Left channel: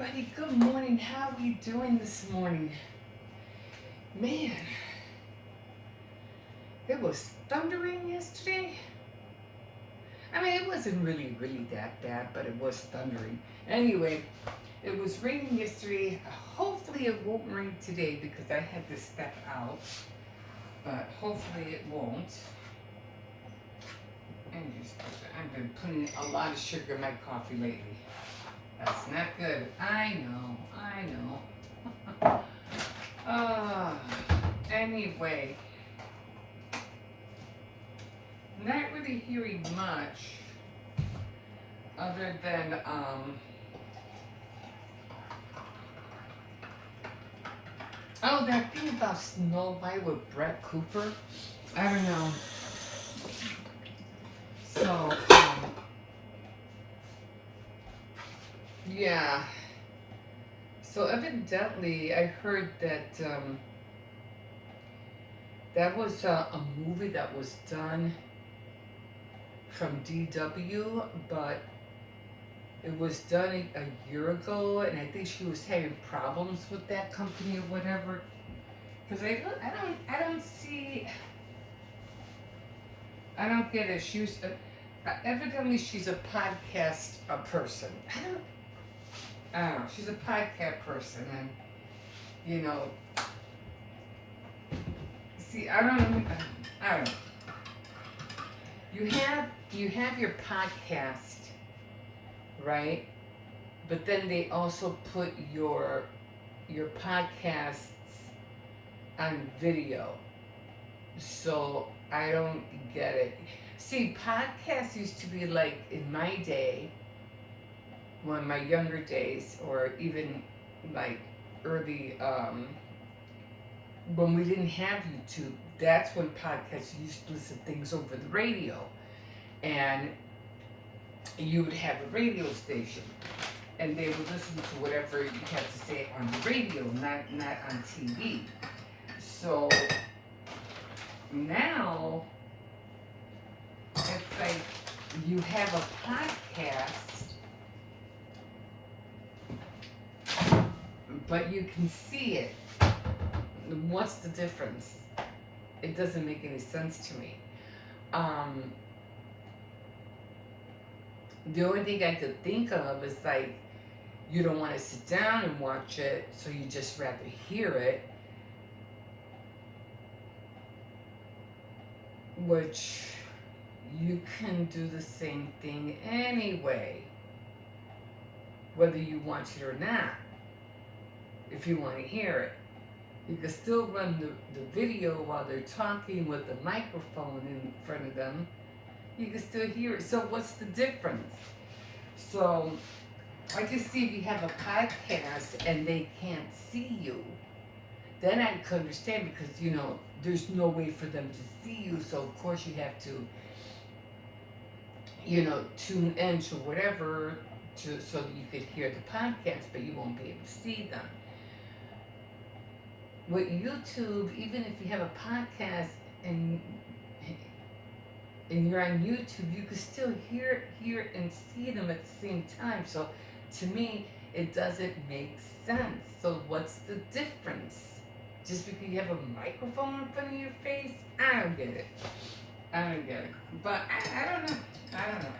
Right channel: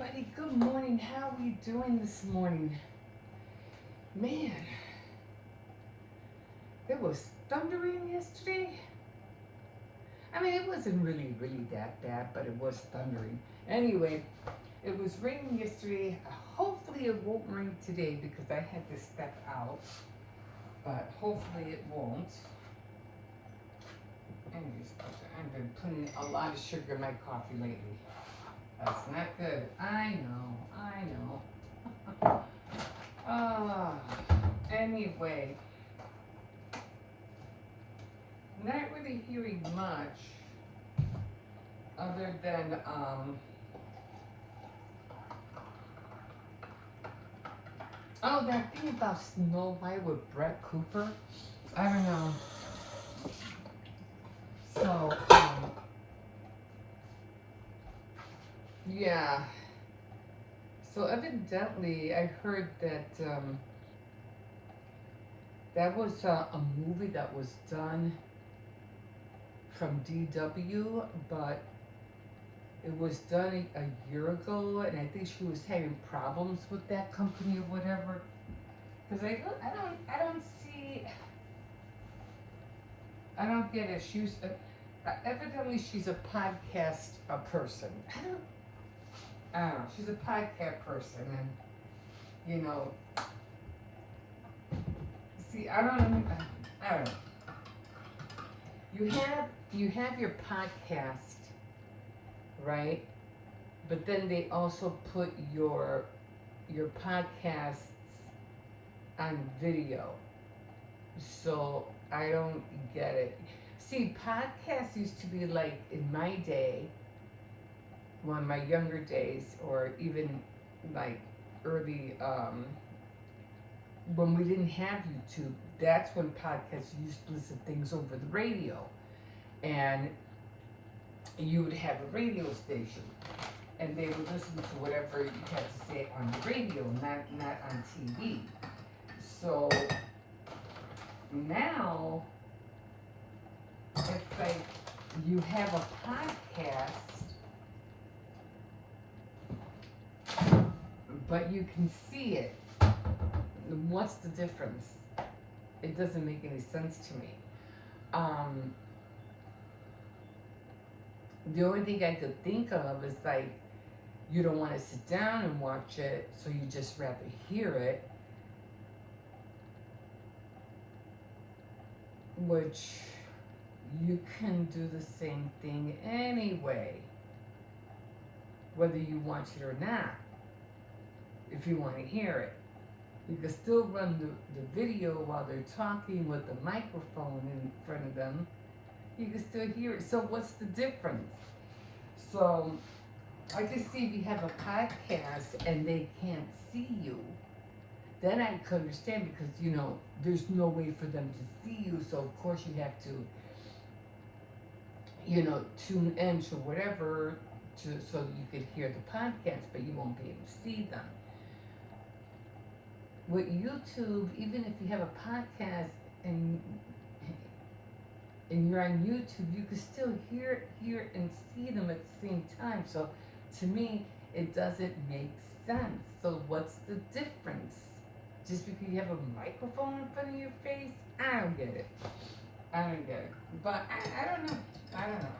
everybody, good morning. How are you doing this morning? Man, it was thundering yesterday. I mean, it wasn't really that bad, but it was thundering. Anyway, it was raining yesterday. Hopefully it won't rain today because I had to step out, but hopefully it won't. And I've been putting a lot of sugar in my coffee lately. That's not good. I know. Uh, anyway, not really hearing much other than oh, that thing about Snow White with Brett Cooper. I don't know. So yeah. So evidently, I heard that that was a movie that was done from DW, but it was done a year ago, and I think she was having problems with that company or whatever. Because I don't see, I don't get it. She was evidently she's a podcast person. I don't know. She's a podcast person, and you know, see, I don't know. You have your podcast, right? But then they also put your podcasts on video. So I don't get it. See, podcasts used to be like in my day, or in my younger days, or even like early when we didn't have YouTube. That's when podcasts used to listen to things over the radio, and you would have a radio station, and they would listen to whatever you had to say on the radio, not on TV. So now it's like you have a podcast, but you can see it. What's the difference? It doesn't make any sense to me. Um, the only thing I could think of is like you don't want to sit down and watch it, so you just rather hear it, which you can do the same thing anyway, whether you want it or not. If you want to hear it, you can still run the video while they're talking with the microphone in front of them. You can still hear it. So what's the difference? So I can see if you have a podcast and they can't see you, then I could understand, because there's no way for them to see you. So of course you have to tune in to whatever so that you could hear the podcast, but you won't be able to see them. With YouTube, even if you have a podcast and you're on YouTube, you can still hear and see them at the same time. So to me, it doesn't make sense. So what's the difference? Just because you have a microphone in front of your face? I don't get it. But I don't know.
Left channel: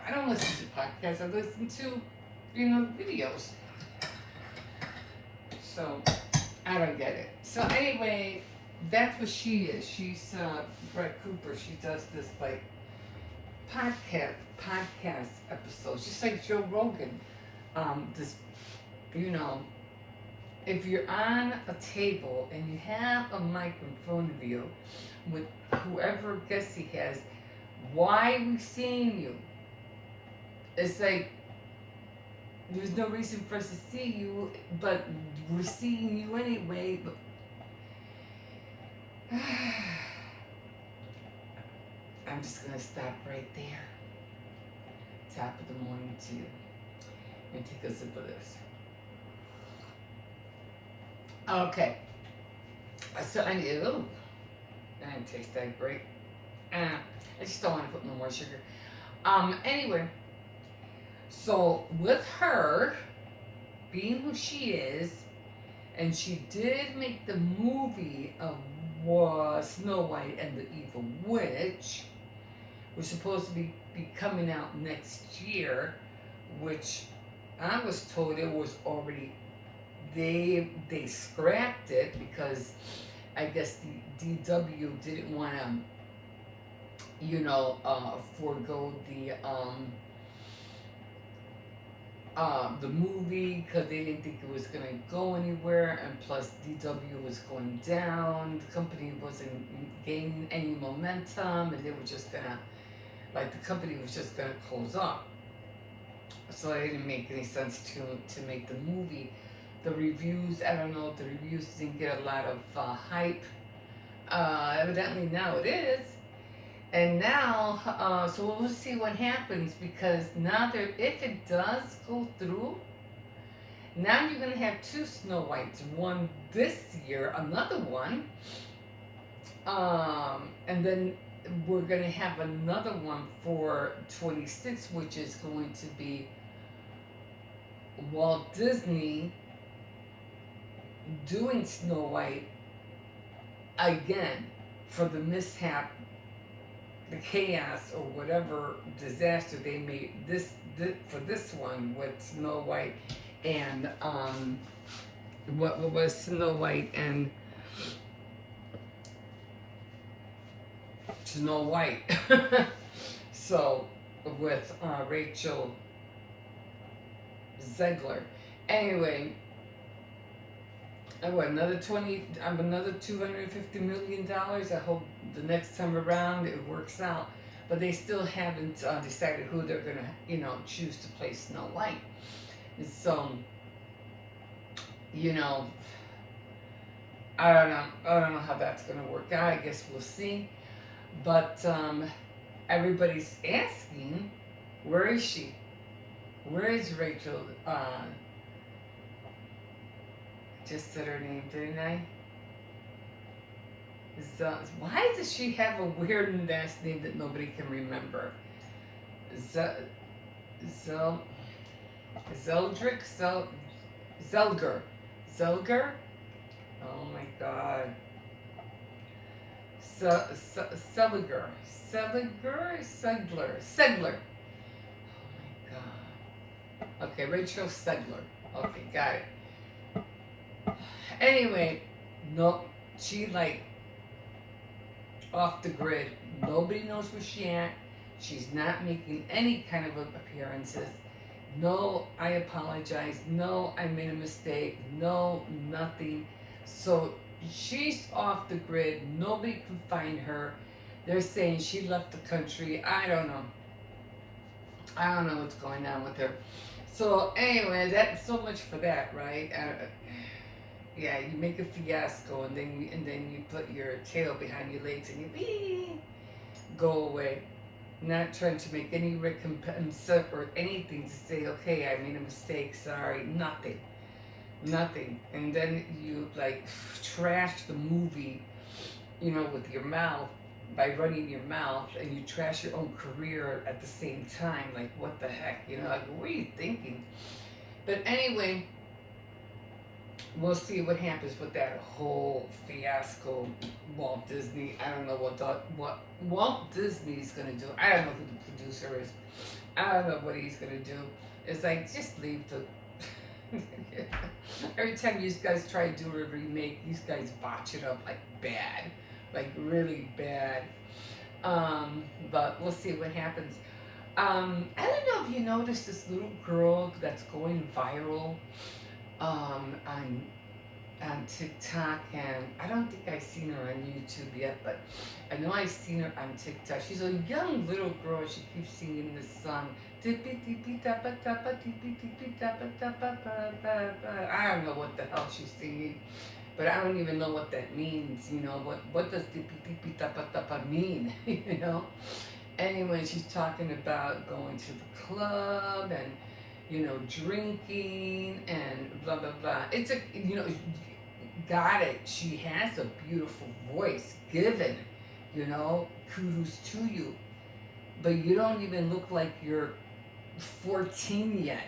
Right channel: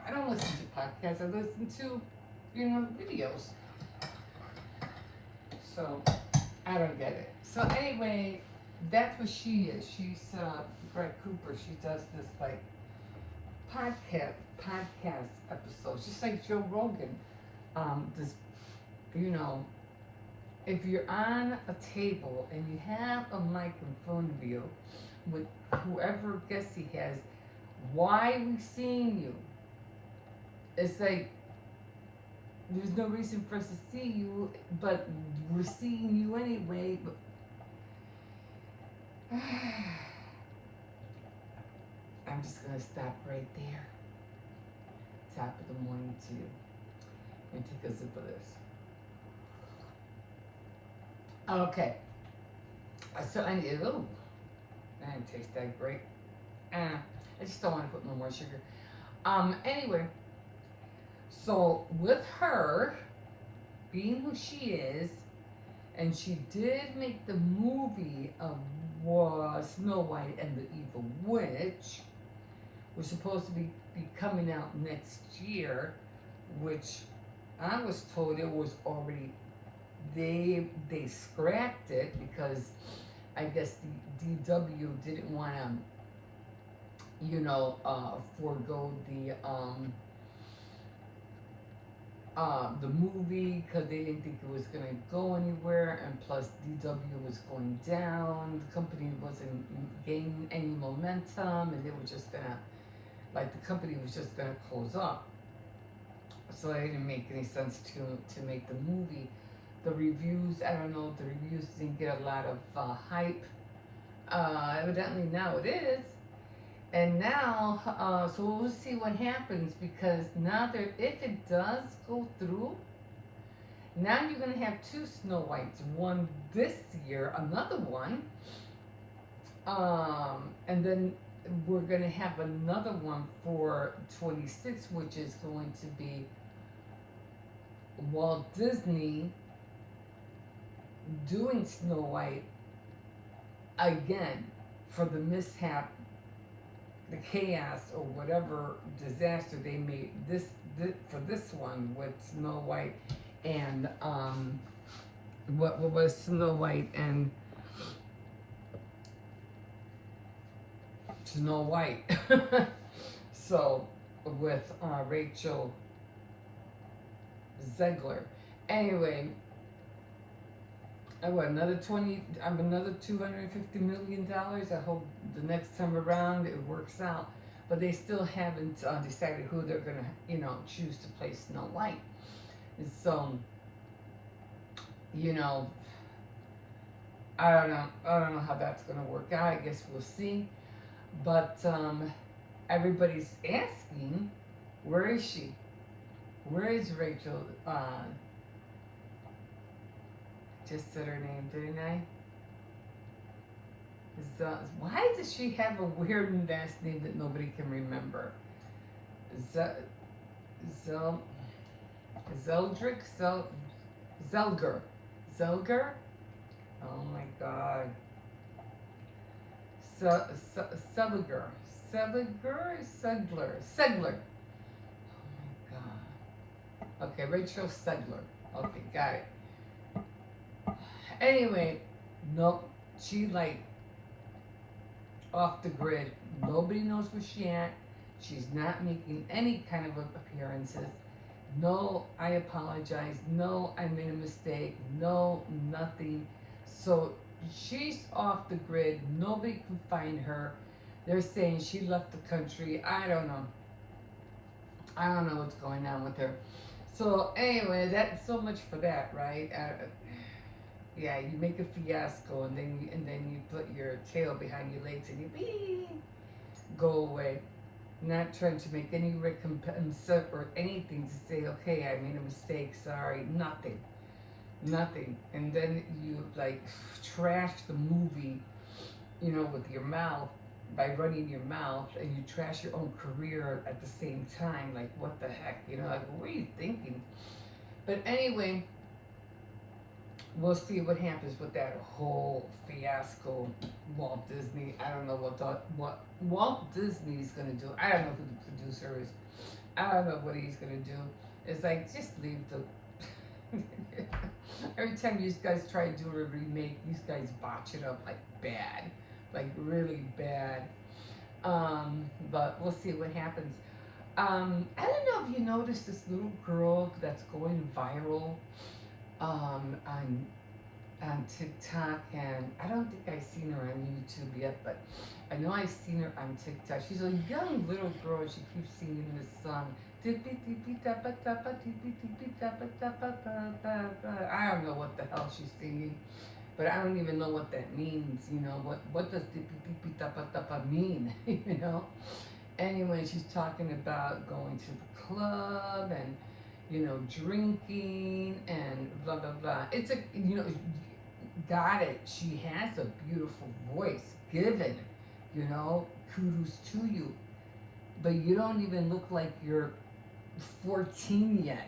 I don't listen to podcasts. I listen to, videos. So I don't get it. So anyway, that's what she is. She's Brett Cooper. She does this like podcast episodes, just like Joe Rogan. This, if you're on a table and you have a mic in front of you with whoever guest he has, why are we seeing you? It's like there's no reason for us to see you, but we're seeing you anyway. But I'm just gonna stop right there. Top of the morning to you, and take a sip of this. Okay. So I didn't taste that great. I just don't want to put no more sugar. Anyway, so with her, being who she is, and she did make the movie of Snow White and the Evil Witch, was supposed to be coming out next year, which I was told it was already they scrapped it because I guess the DW didn't want to forego the movie because they didn't think it was going to go anywhere, and plus DW was going down. The company wasn't gaining any momentum, and they were just gonna, like, the company was just gonna close up. So it didn't make any sense to make the movie. The reviews, I don't know, the reviews didn't get a lot of hype. Evidently now it is. And now, so we'll see what happens, because now that if it does go through, now you're going to have two Snow Whites. One this year, another one. And then we're going to have another one for 26, which is going to be Walt Disney doing Snow White again for the mishap, the chaos, or whatever disaster they made for this one with Snow White and what was Snow White and Snow White. So with Rachel Zegler. Anyway, another $250 million. I hope the next time around it works out. But they still haven't decided who they're gonna, choose to play Snow White. And so, I don't know how that's gonna work out. I guess we'll see. But everybody's asking, where is she? Where is Rachel? Just said her name, didn't I? Why does she have a weird last name that nobody can remember? Zeldrick? Zelger. Zelger? Oh my god. Segler. Oh my god. Okay, Rachel Segler. Okay, got it. Anyway, no, she off the grid. Nobody knows where she's at. She's not making any kind of appearances. No, I apologize. No, I made a mistake. No, nothing. So she's off the grid. Nobody can find her. They're saying she left the country. I don't know. I don't know what's going on with her. So anyway, that's so much for that, right? Yeah, you make a fiasco, and then you put your tail behind your legs and you go away. Not trying to make any recompense or anything to say, okay, I made a mistake, sorry, nothing. And then you trash the movie, with your mouth, by running your mouth, and you trash your own career at the same time. Like, what the heck, what are you thinking? But anyway, we'll see what happens with that whole fiasco. Walt Disney, I don't know what Walt Disney is going to do. I don't know who the producer is. I don't know what he's going to do. It's like, just leave the... Every time you guys try to do a remake, these guys botch it up bad. Really bad. But we'll see what happens. I don't know if you noticed this little girl that's going viral on TikTok, and I don't think I've seen her on YouTube yet, but I know I've seen her on TikTok. She's a young little girl. She keeps singing this song. I don't know what the hell she's singing, but I don't even know what that means. What does mean? Anyway, she's talking about going to the club and drinking and blah blah blah. It's got it. She has a beautiful voice. Given, kudos to you. But you don't even look like you're 14 yet.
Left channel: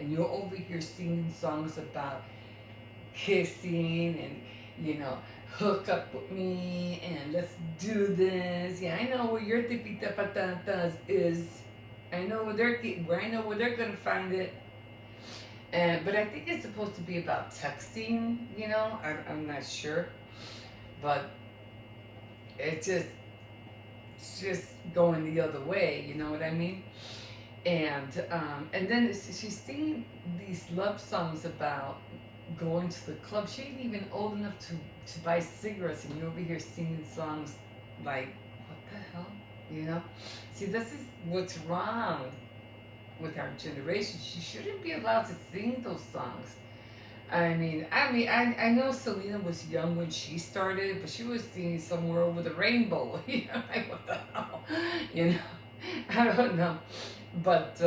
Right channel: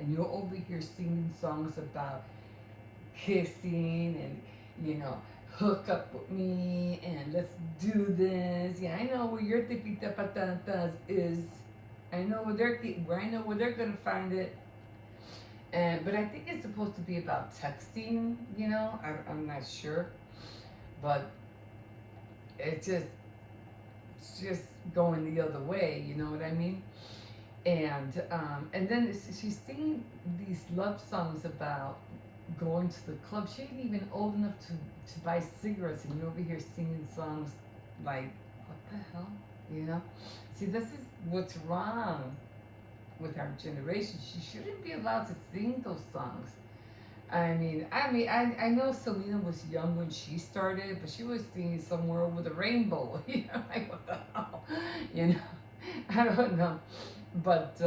and you're over here singing songs about kissing and, hook up with me and let's do this. Yeah, I know where your tipita patatas is. I know where I know where they're gonna find it. But I think it's supposed to be about texting. I'm not sure, but it just it's just going the other way. You know what I mean? And then she's singing these love songs about going to the club. She ain't even old enough to buy cigarettes, and you're over here singing songs like, what the hell? You know? See, this is what's wrong with our generation. She shouldn't be allowed to sing those songs. I know Selena was young when she started, but she was singing somewhere over the rainbow. Like what the hell? You know, I don't know. But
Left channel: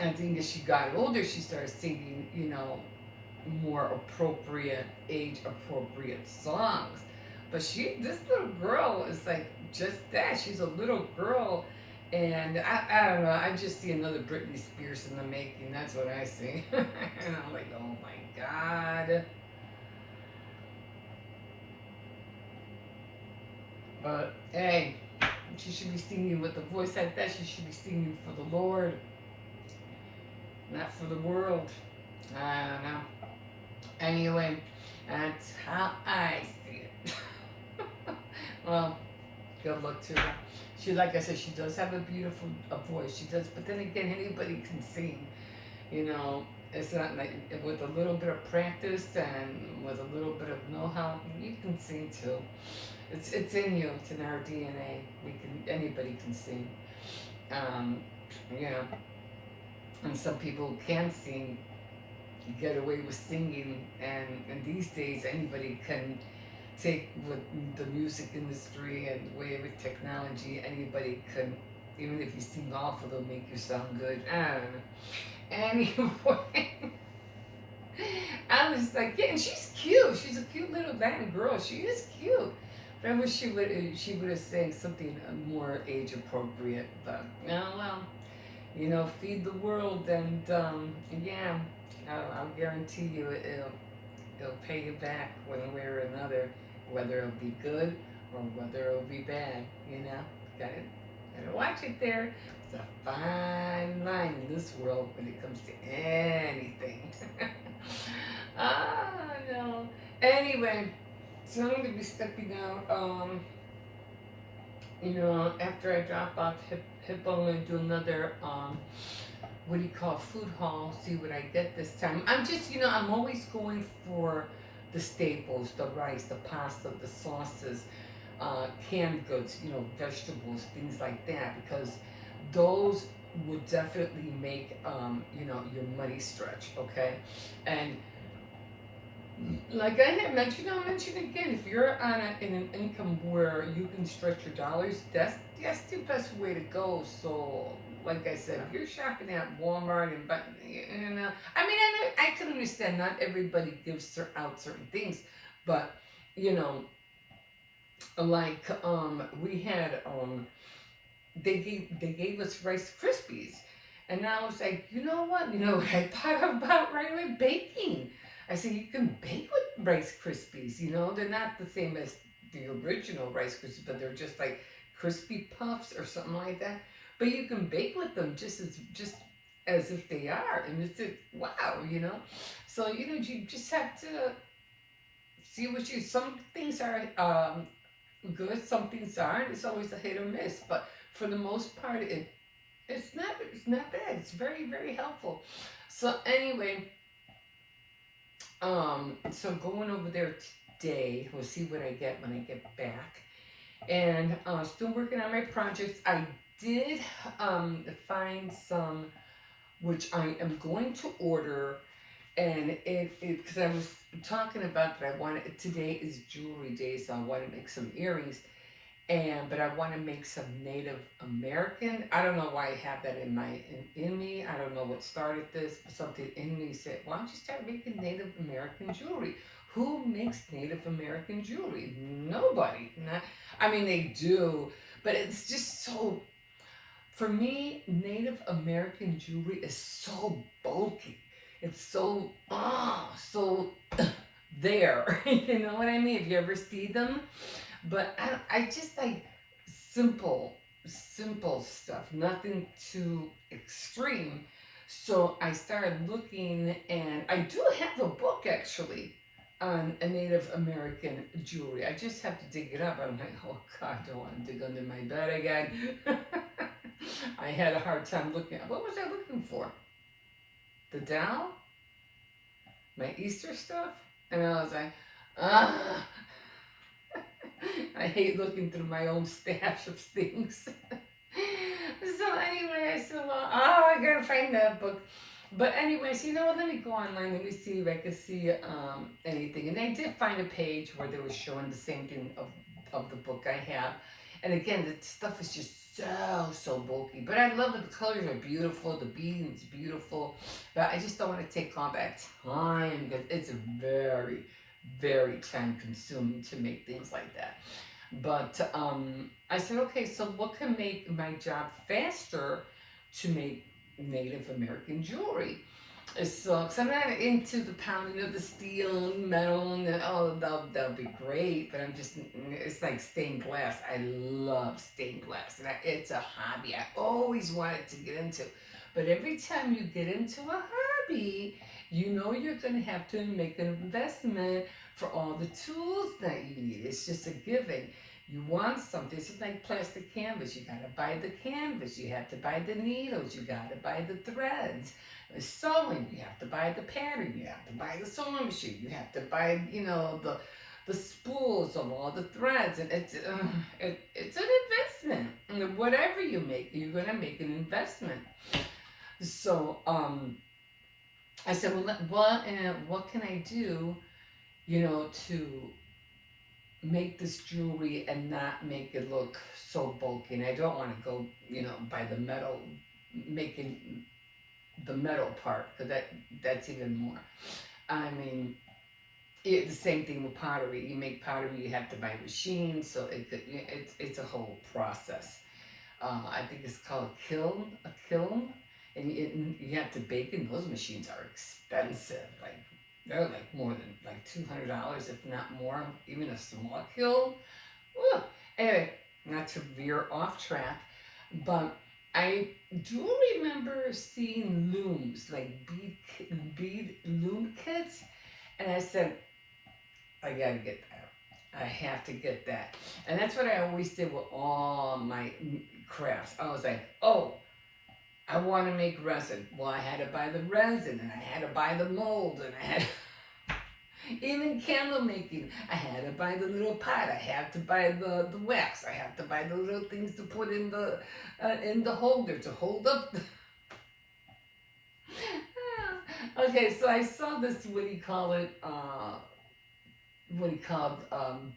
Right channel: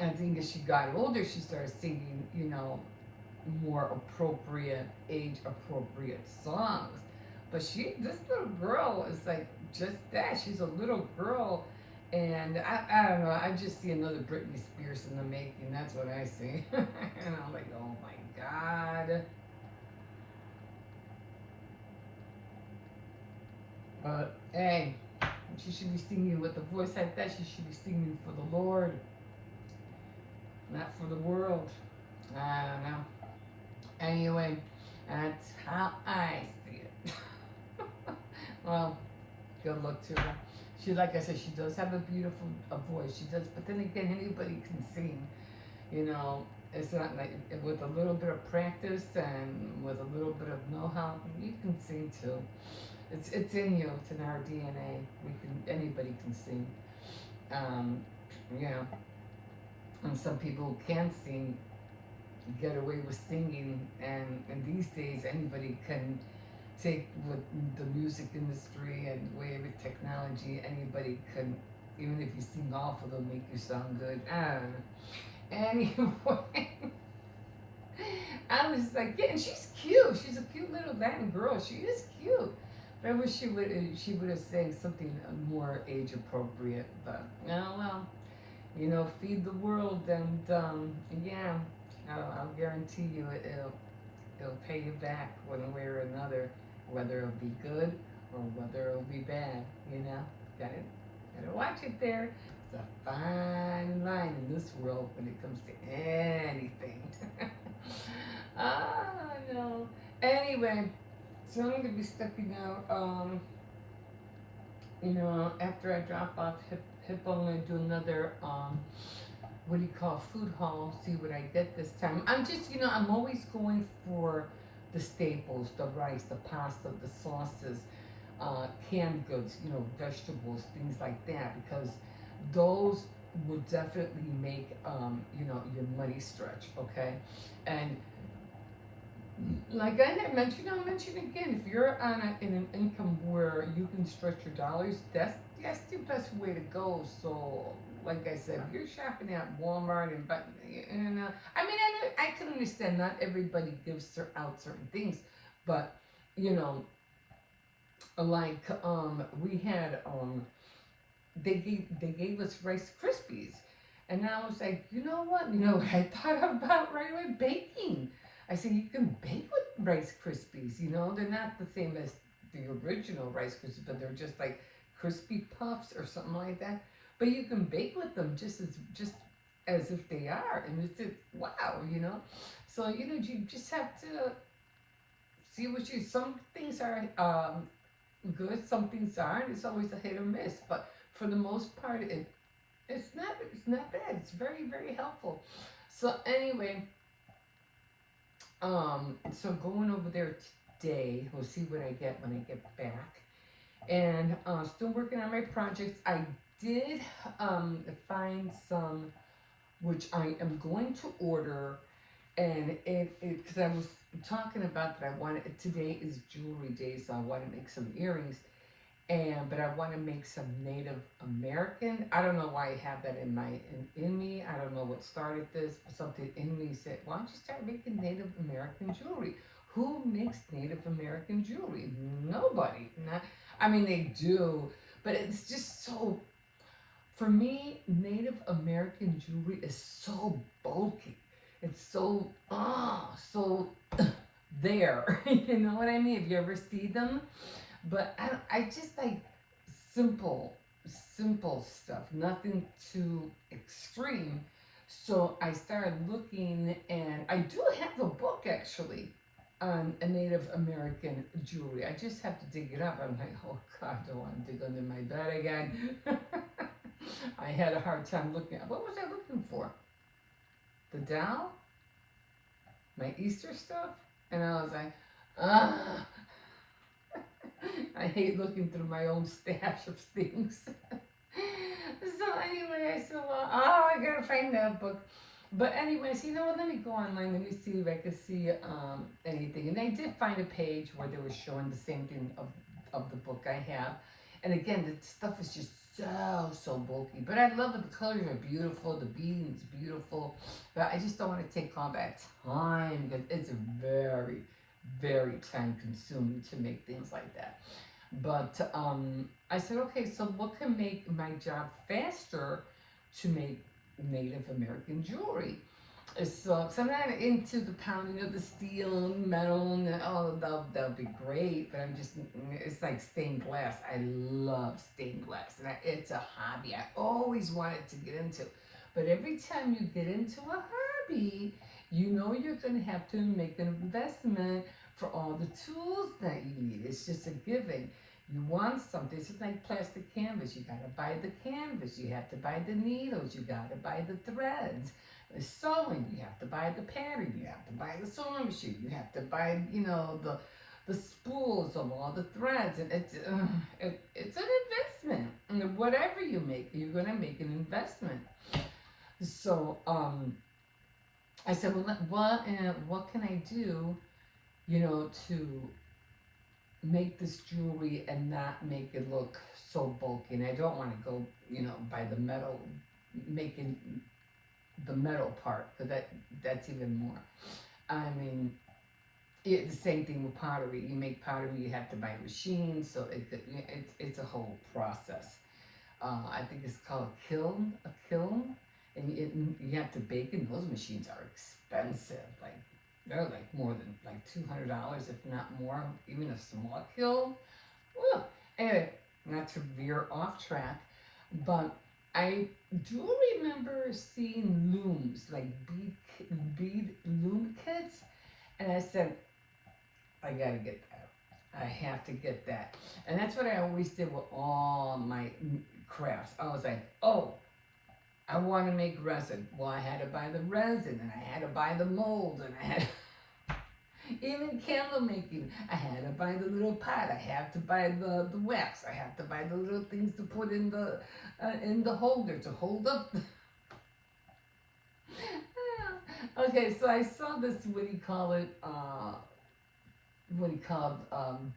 I think as she got older, she started singing, more appropriate, age appropriate songs. But this little girl is like just that. She's a little girl, and I don't know. I just see another Britney Spears in the making. That's what I see. And I'm like, oh my god. But hey, she should be singing with a voice like that. She should be singing for the Lord, not for the world. I don't know. Anyway, that's how I see it. Well, good luck to her. She, like I said, she does have a beautiful voice. She does, but then again, anybody can sing. You know, it's not like with a little bit of practice and with a little bit of know-how, you can sing too. It's in you. It's in our DNA. Anybody can sing. Um, you know, and some people can sing, get away with singing, and these days anybody can take with the music industry and the way with technology, anybody can, even if you sing awful, they'll make you sound good. I don't know. Anyway, I was like, yeah, and she's cute. She's a cute little Latin girl. She is cute. But I wish she would have sang something more age appropriate. But oh well, feed the world, and yeah, I'll guarantee you it'll pay you back one way or another, whether it'll be good or whether it'll be bad. Gotta watch it there. It's a fine line in this world when it comes to anything. Ah, no. Anyway, so I'm gonna be stepping out. After I drop off Hippo, I'm gonna do another what do you call food haul? See what I get this time. I'm just, I'm always going for the staples, the rice, the pasta, the sauces, canned goods, vegetables, things like that, because those would definitely make, your money stretch, okay? And like I had mentioned, I'll mention again, if you're in an income where you can stretch your dollars, that's the best way to go. So, like I said, if you're shopping at Walmart I can understand not everybody gives out certain things, but you know, like we had they gave us Rice Krispies, and I was like, you know what? I thought about right away baking. I said you can bake with Rice Krispies. They're not the same as the original Rice Krispies, but they're just like crispy puffs or something like that. But you can bake with them just as if they are, and wow. So you just have to see some things are good, some things aren't. It's always a hit or miss, but for the most part, it's not bad. It's very very helpful. So anyway, so going over there today, we'll see what I get when I get back, and still working on my projects. I did find some which I am going to order, and it because I was talking about that I wanted today is jewelry day, so I want to make some earrings, but I want to make some Native American. I don't know why I have that in me. I don't know what started this, but something in me said, "Why don't you start making Native American jewelry?" Who makes Native American jewelry? Nobody. They do, but it's just so For me, Native American jewelry is so bulky. It's so, so there. You know what I mean? If you ever see them. But I just like simple, simple stuff, nothing too extreme. So I started looking, and I do have a book actually on a Native American jewelry. I just have to dig it up. I'm like, oh God, I don't want to dig under my bed again. I had a hard time looking. What was I looking for? The doll? My Easter stuff? And I was like, ah. I hate looking through my own stash of things. So anyway, I said, well, I gotta find that book. But anyways, let me go online. Let me see if I can see anything. And I did find a page where they were showing the same thing of the book I have. And again, the stuff is just so bulky. But I love it. The colors are beautiful. The beading's beautiful. But I just don't want to take all that time because it's very, very time consuming to make things like that. But I said, okay, so what can make my job faster to make Native American jewelry? So, cause I'm not into the pounding of the steel and metal, and that'll be great. But it's like stained glass. I love stained glass, and it's a hobby I always wanted to get into. But every time you get into a hobby, you're gonna have to make an investment for all the tools that you need. It's just a given. You want something. It's like plastic canvas. You gotta buy the canvas. You have to buy the needles. You gotta buy the threads. Sewing. You have to buy the pattern. You have to buy the sewing machine. You have to buy, the spools of all the threads. And it's an investment. And whatever you make, you're gonna make an investment. So I said, well, what can I do, to make this jewelry and not make it look so bulky? And I don't want to go, by the metal, making the metal part, because that's even more. I mean, the same thing with pottery. You make pottery, you have to buy a machine, so it's a whole process. I think it's called a kiln, and you have to bake in. Those machines are expensive. Like they're like more than like $200, if not more. Even a small kiln. Ugh. Anyway, not to veer off track, but I do remember seeing looms, like bead loom kits, and I said, I gotta get that. I have to get that. And that's what I always did with all my crafts. I was like, oh, I want to make resin. Well, I had to buy the resin, and I had to buy the mold, and I had even candle making. I had to buy the little pot. I had to buy the wax. I had to buy the little things to put in the holder to hold up. Okay, so I saw this. What do you call it?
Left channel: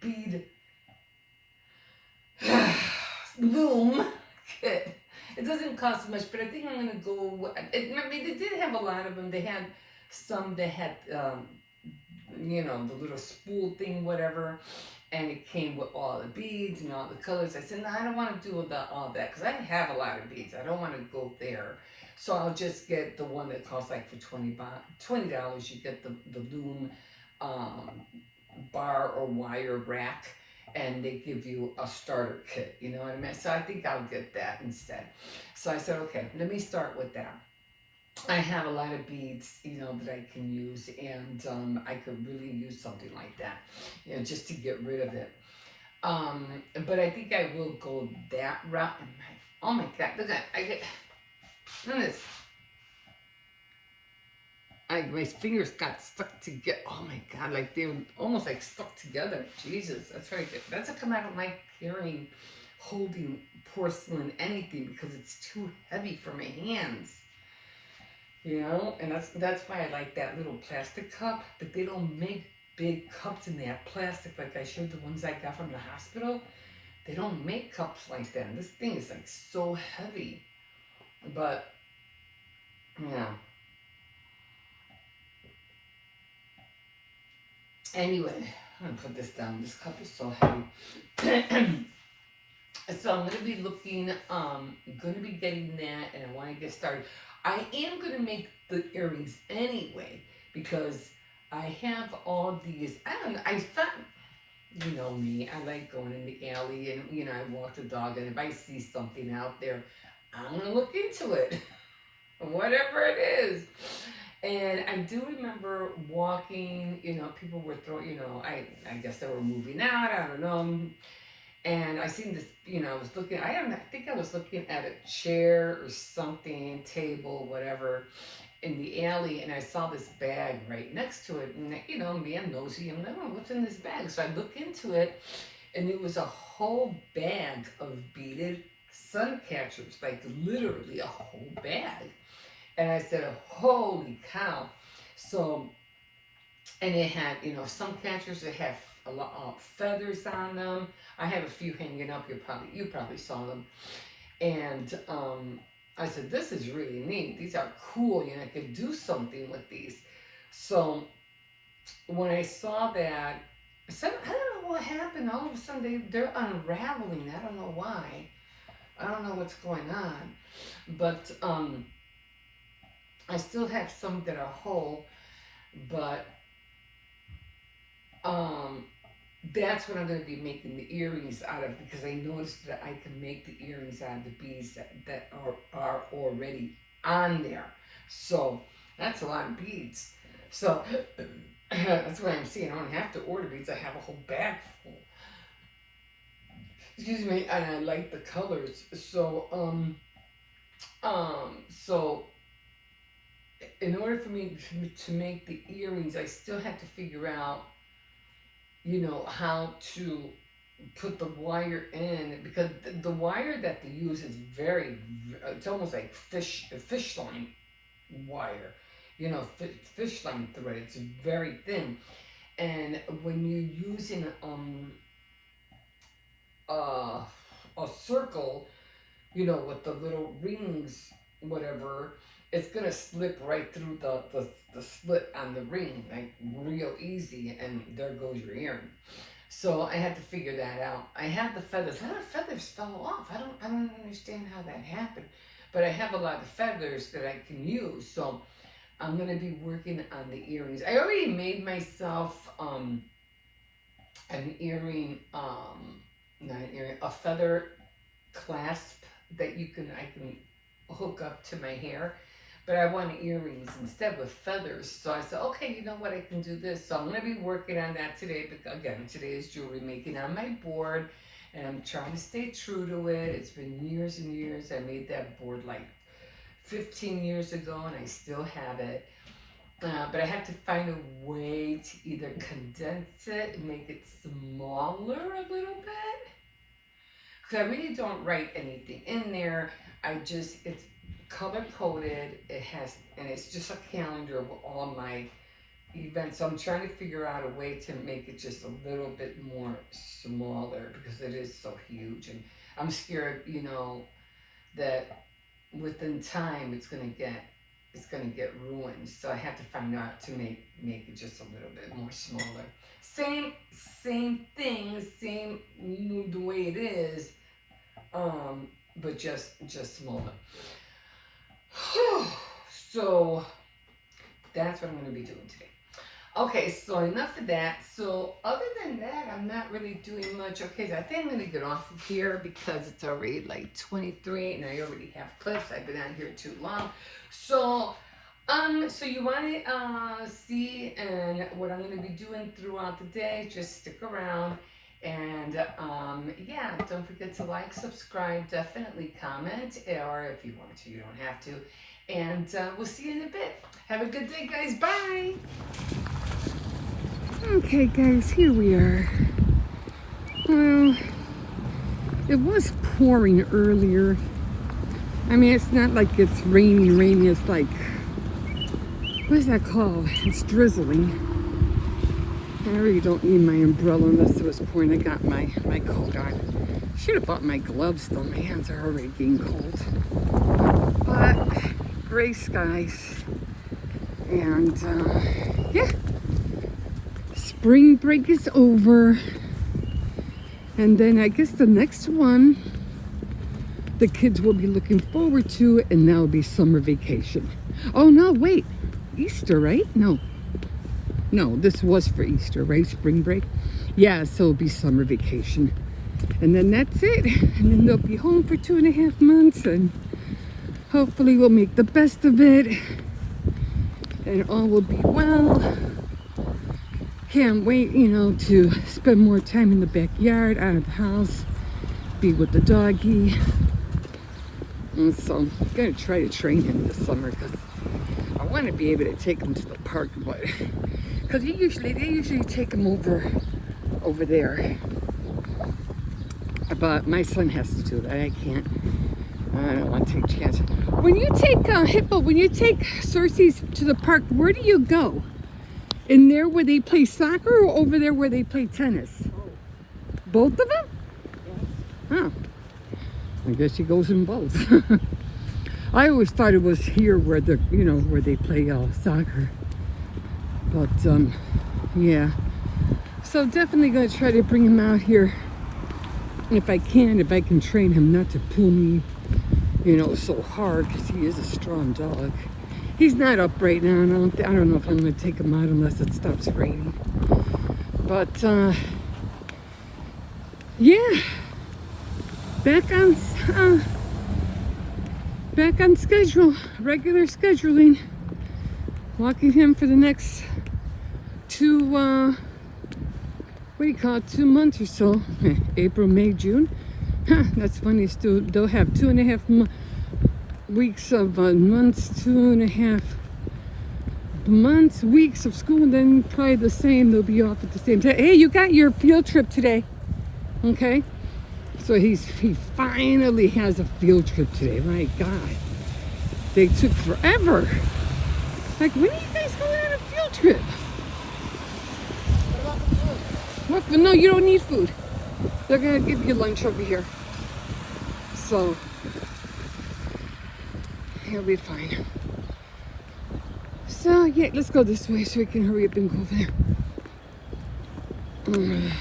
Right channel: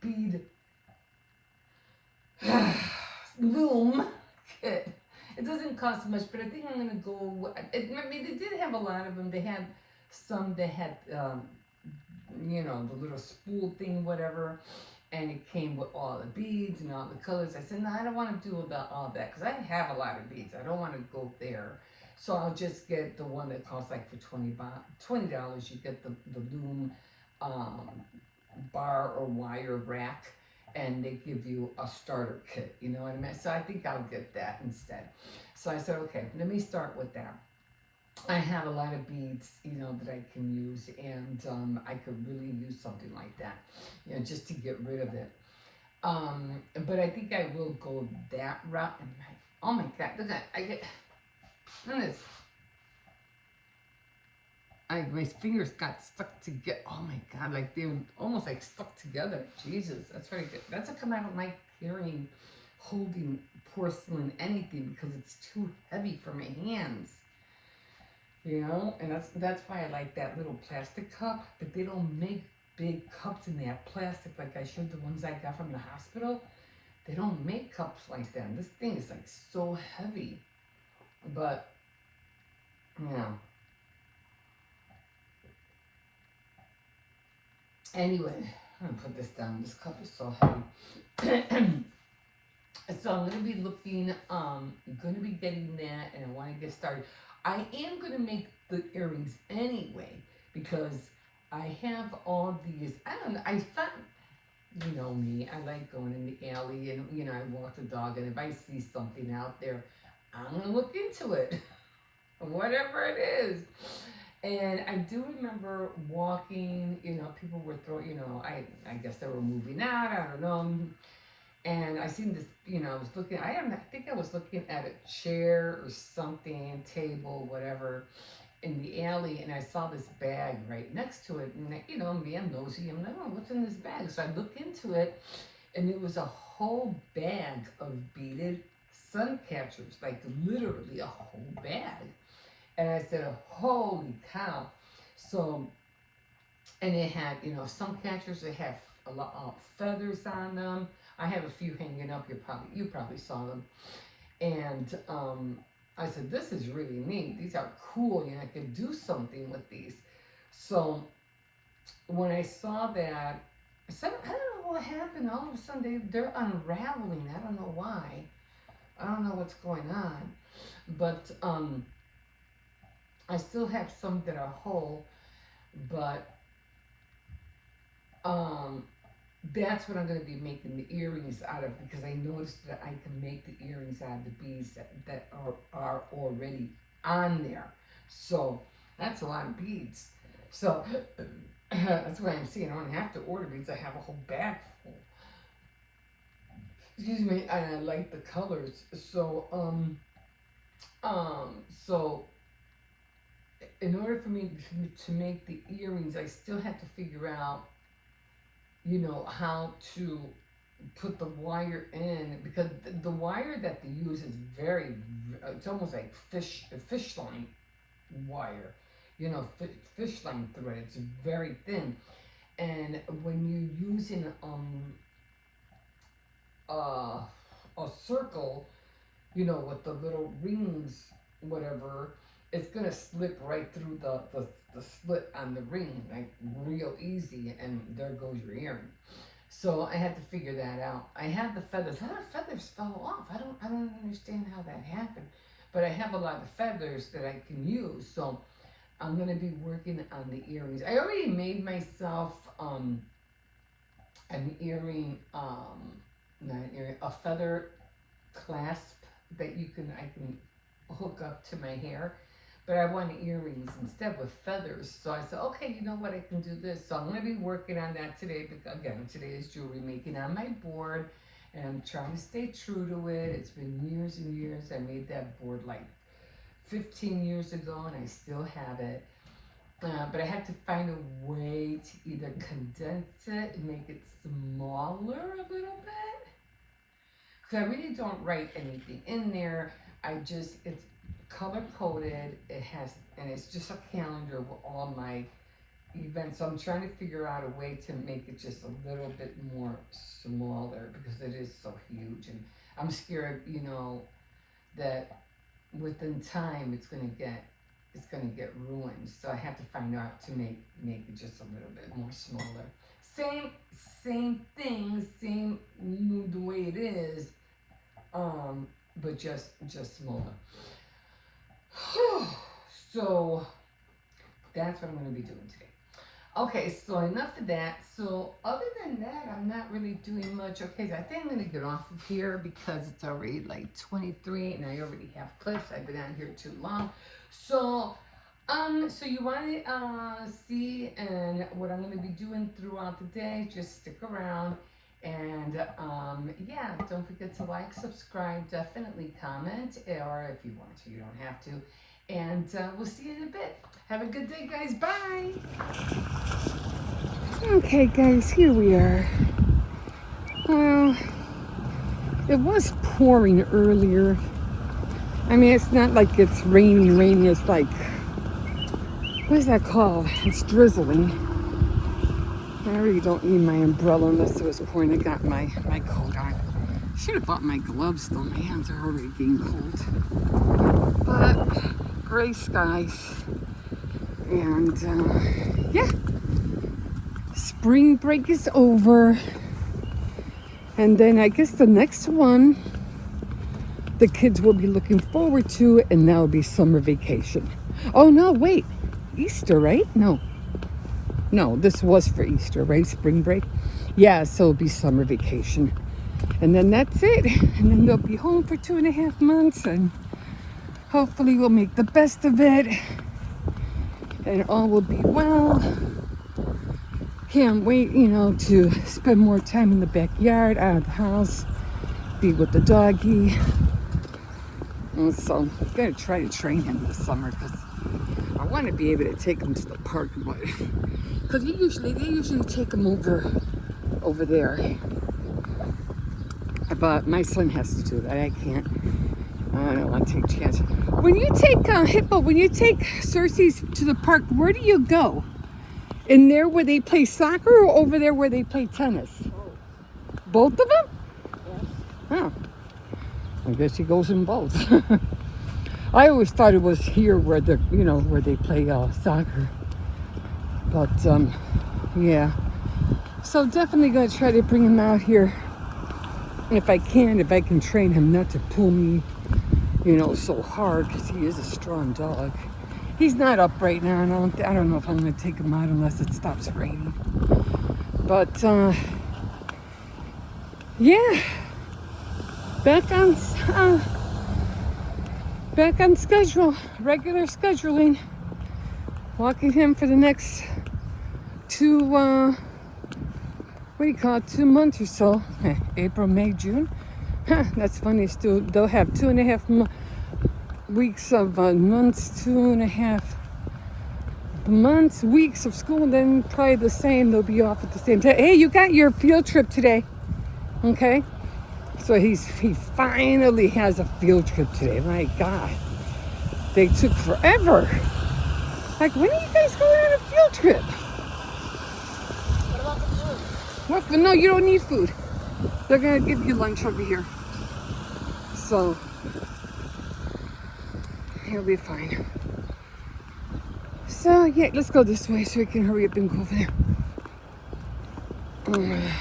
Bead loom kit. It doesn't cost much, but I think I'm gonna go. They did have a lot of them. They had some that had, the little spool thing, whatever, and it came with all the beads and all the colors. I said, no, I don't want to do all that because I have a lot of beads. I don't want to go there. So I'll just get the one that costs like for $20. You get the loom bar or wire rack, and they give you a starter kit, you know what I mean? So I think I'll get that instead. So I said, okay, let me start with that. I have a lot of beads, that I can use, and I could really use something like that, just to get rid of it. But I think I will go that route. And oh my God, look at look at this. My fingers got stuck together. Oh my God, like they were almost like stuck together. Jesus, that's very good. That's a come out of my carrying, holding porcelain anything because it's too heavy for my hands. And that's why I like that little plastic cup, but they don't make big cups in that plastic like I showed the ones I got from the hospital. They don't make cups like that. This thing is like so heavy. But yeah. Anyway, I'm gonna put this down. This cup is so heavy. So I'm gonna be looking, gonna be getting that, and I want to get started. I am gonna make the earrings anyway because I have all these. I don't know. I thought, you know me, I like going in the alley, and I walk the dog, and if I see something out there, I'm gonna look into it, whatever it is. And I do remember walking. People were throwing. I guess they were moving out. I don't know. And I seen this, I was looking, I think I was looking at a chair or something, table, whatever, in the alley, and I saw this bag right next to it. And, me, I'm nosy. I'm like, oh, what's in this bag? So I look into it, and it was a whole bag of beaded sun catchers, like literally a whole bag. And I said, holy cow. So, and it had, some catchers that have a lot of feathers on them. I have a few hanging up. You probably saw them. And I said, this is really neat. These are cool. I could do something with these. So when I saw that, I said, I don't know what happened. All of a sudden, they're unraveling. I don't know why. I don't know what's going on. But I still have some that are whole. But that's what I'm going to be making the earrings out of, because I noticed that I can make the earrings out of the beads that are already on there. So that's a lot of beads. So that's what I'm seeing. I don't have to order beads. I have a whole bag full. Excuse me, and I like the colors. So in order for me to make the earrings, I still have to figure out how to put the wire in, because the wire that they use is it's almost like fish line wire, fish line thread. It's very thin, and when you're using a circle, with the little rings, whatever, it's gonna slip right through the slit on the ring, like real easy, and there goes your earring. So I had to figure that out. I have the feathers. A lot of feathers fell off. I don't understand how that happened, but I have a lot of feathers that I can use. So I'm gonna be working on the earrings. I already made myself an earring, not an earring, a feather clasp that I can hook up to my hair, but I want earrings instead with feathers. So I said, okay, you know what, I can do this. So I'm going to be working on that today. But again, today is jewelry making on my board, and I'm trying to stay true to it. It's been years and years. I made that board like 15 years ago, and I still have it. But I had to find a way to either condense it and make it smaller a little bit, because I really don't write anything in there. It's color coded. And it's just a calendar of all my events. So I'm trying to figure out a way to make it just a little bit more smaller, because it is so huge, and I'm scared, that within time it's gonna get ruined. So I have to find out to make it just a little bit more smaller. Same thing, same the way it is, but just smaller. So that's what I'm going to be doing today. Okay, so enough of that. So other than that, I'm not really doing much. Okay, so I think I'm going to get off of here because it's already like 23 and I already have clips. I've been on here too long. So you want to see and what I'm going to be doing throughout the day, just stick around. And yeah, don't forget to like, subscribe, definitely comment, or if you want to, you don't have to. And we'll see you in a bit. Have a good day, guys. Bye. Okay, guys, here we are. Well, it was pouring earlier. I mean, it's not like it's raining. It's like, what is that called? It's drizzling. I really don't need my umbrella unless it was pouring. I got my coat on. Should have bought my gloves though. My hands are already being cold. But gray skies. And yeah. Spring break is over. And then I guess the next one the kids will be looking forward to, and that will be summer vacation. Oh no, wait, Easter, right? No, this was for Easter, right? Spring break. Yeah, so it'll be summer vacation, and then that's it. And then they'll be home for 2.5 months, and hopefully we'll make the best of it, and all will be well. Can't wait, to spend more time in the backyard, out of the house, be with the doggy. And so I'm gonna try to train him this summer, because I want to be able to take him to the park, but because they usually take him over there. But my son has to do that. I can't. I don't want to take chances. When you take Hippo, when you take Cersei's to the park, where do you go? In there where they play soccer, or over there where they play tennis? Both of them? Huh. I guess he goes in both. I always thought it was here where where they play soccer. But yeah. So definitely gonna try to bring him out here. If I can train him not to pull me, so hard, because he is a strong dog. He's not up right now, and I don't know if I'm gonna take him out unless it stops raining. But yeah. Back on schedule, regular scheduling. Walking him for the next 2 months or so. April, May, June. That's funny. Still, they'll have 2.5 weeks of months, 2.5 months, weeks of school. Then probably the same. They'll be off at the same time. Hey, you got your field trip today, okay? So he finally has a field trip today. My God, they took forever. Like, when are you guys going on a field trip? What about the food? What? No, you don't need food. They're gonna give you lunch over here. So he'll be fine. So yeah, let's go this way so we can hurry up and go over there.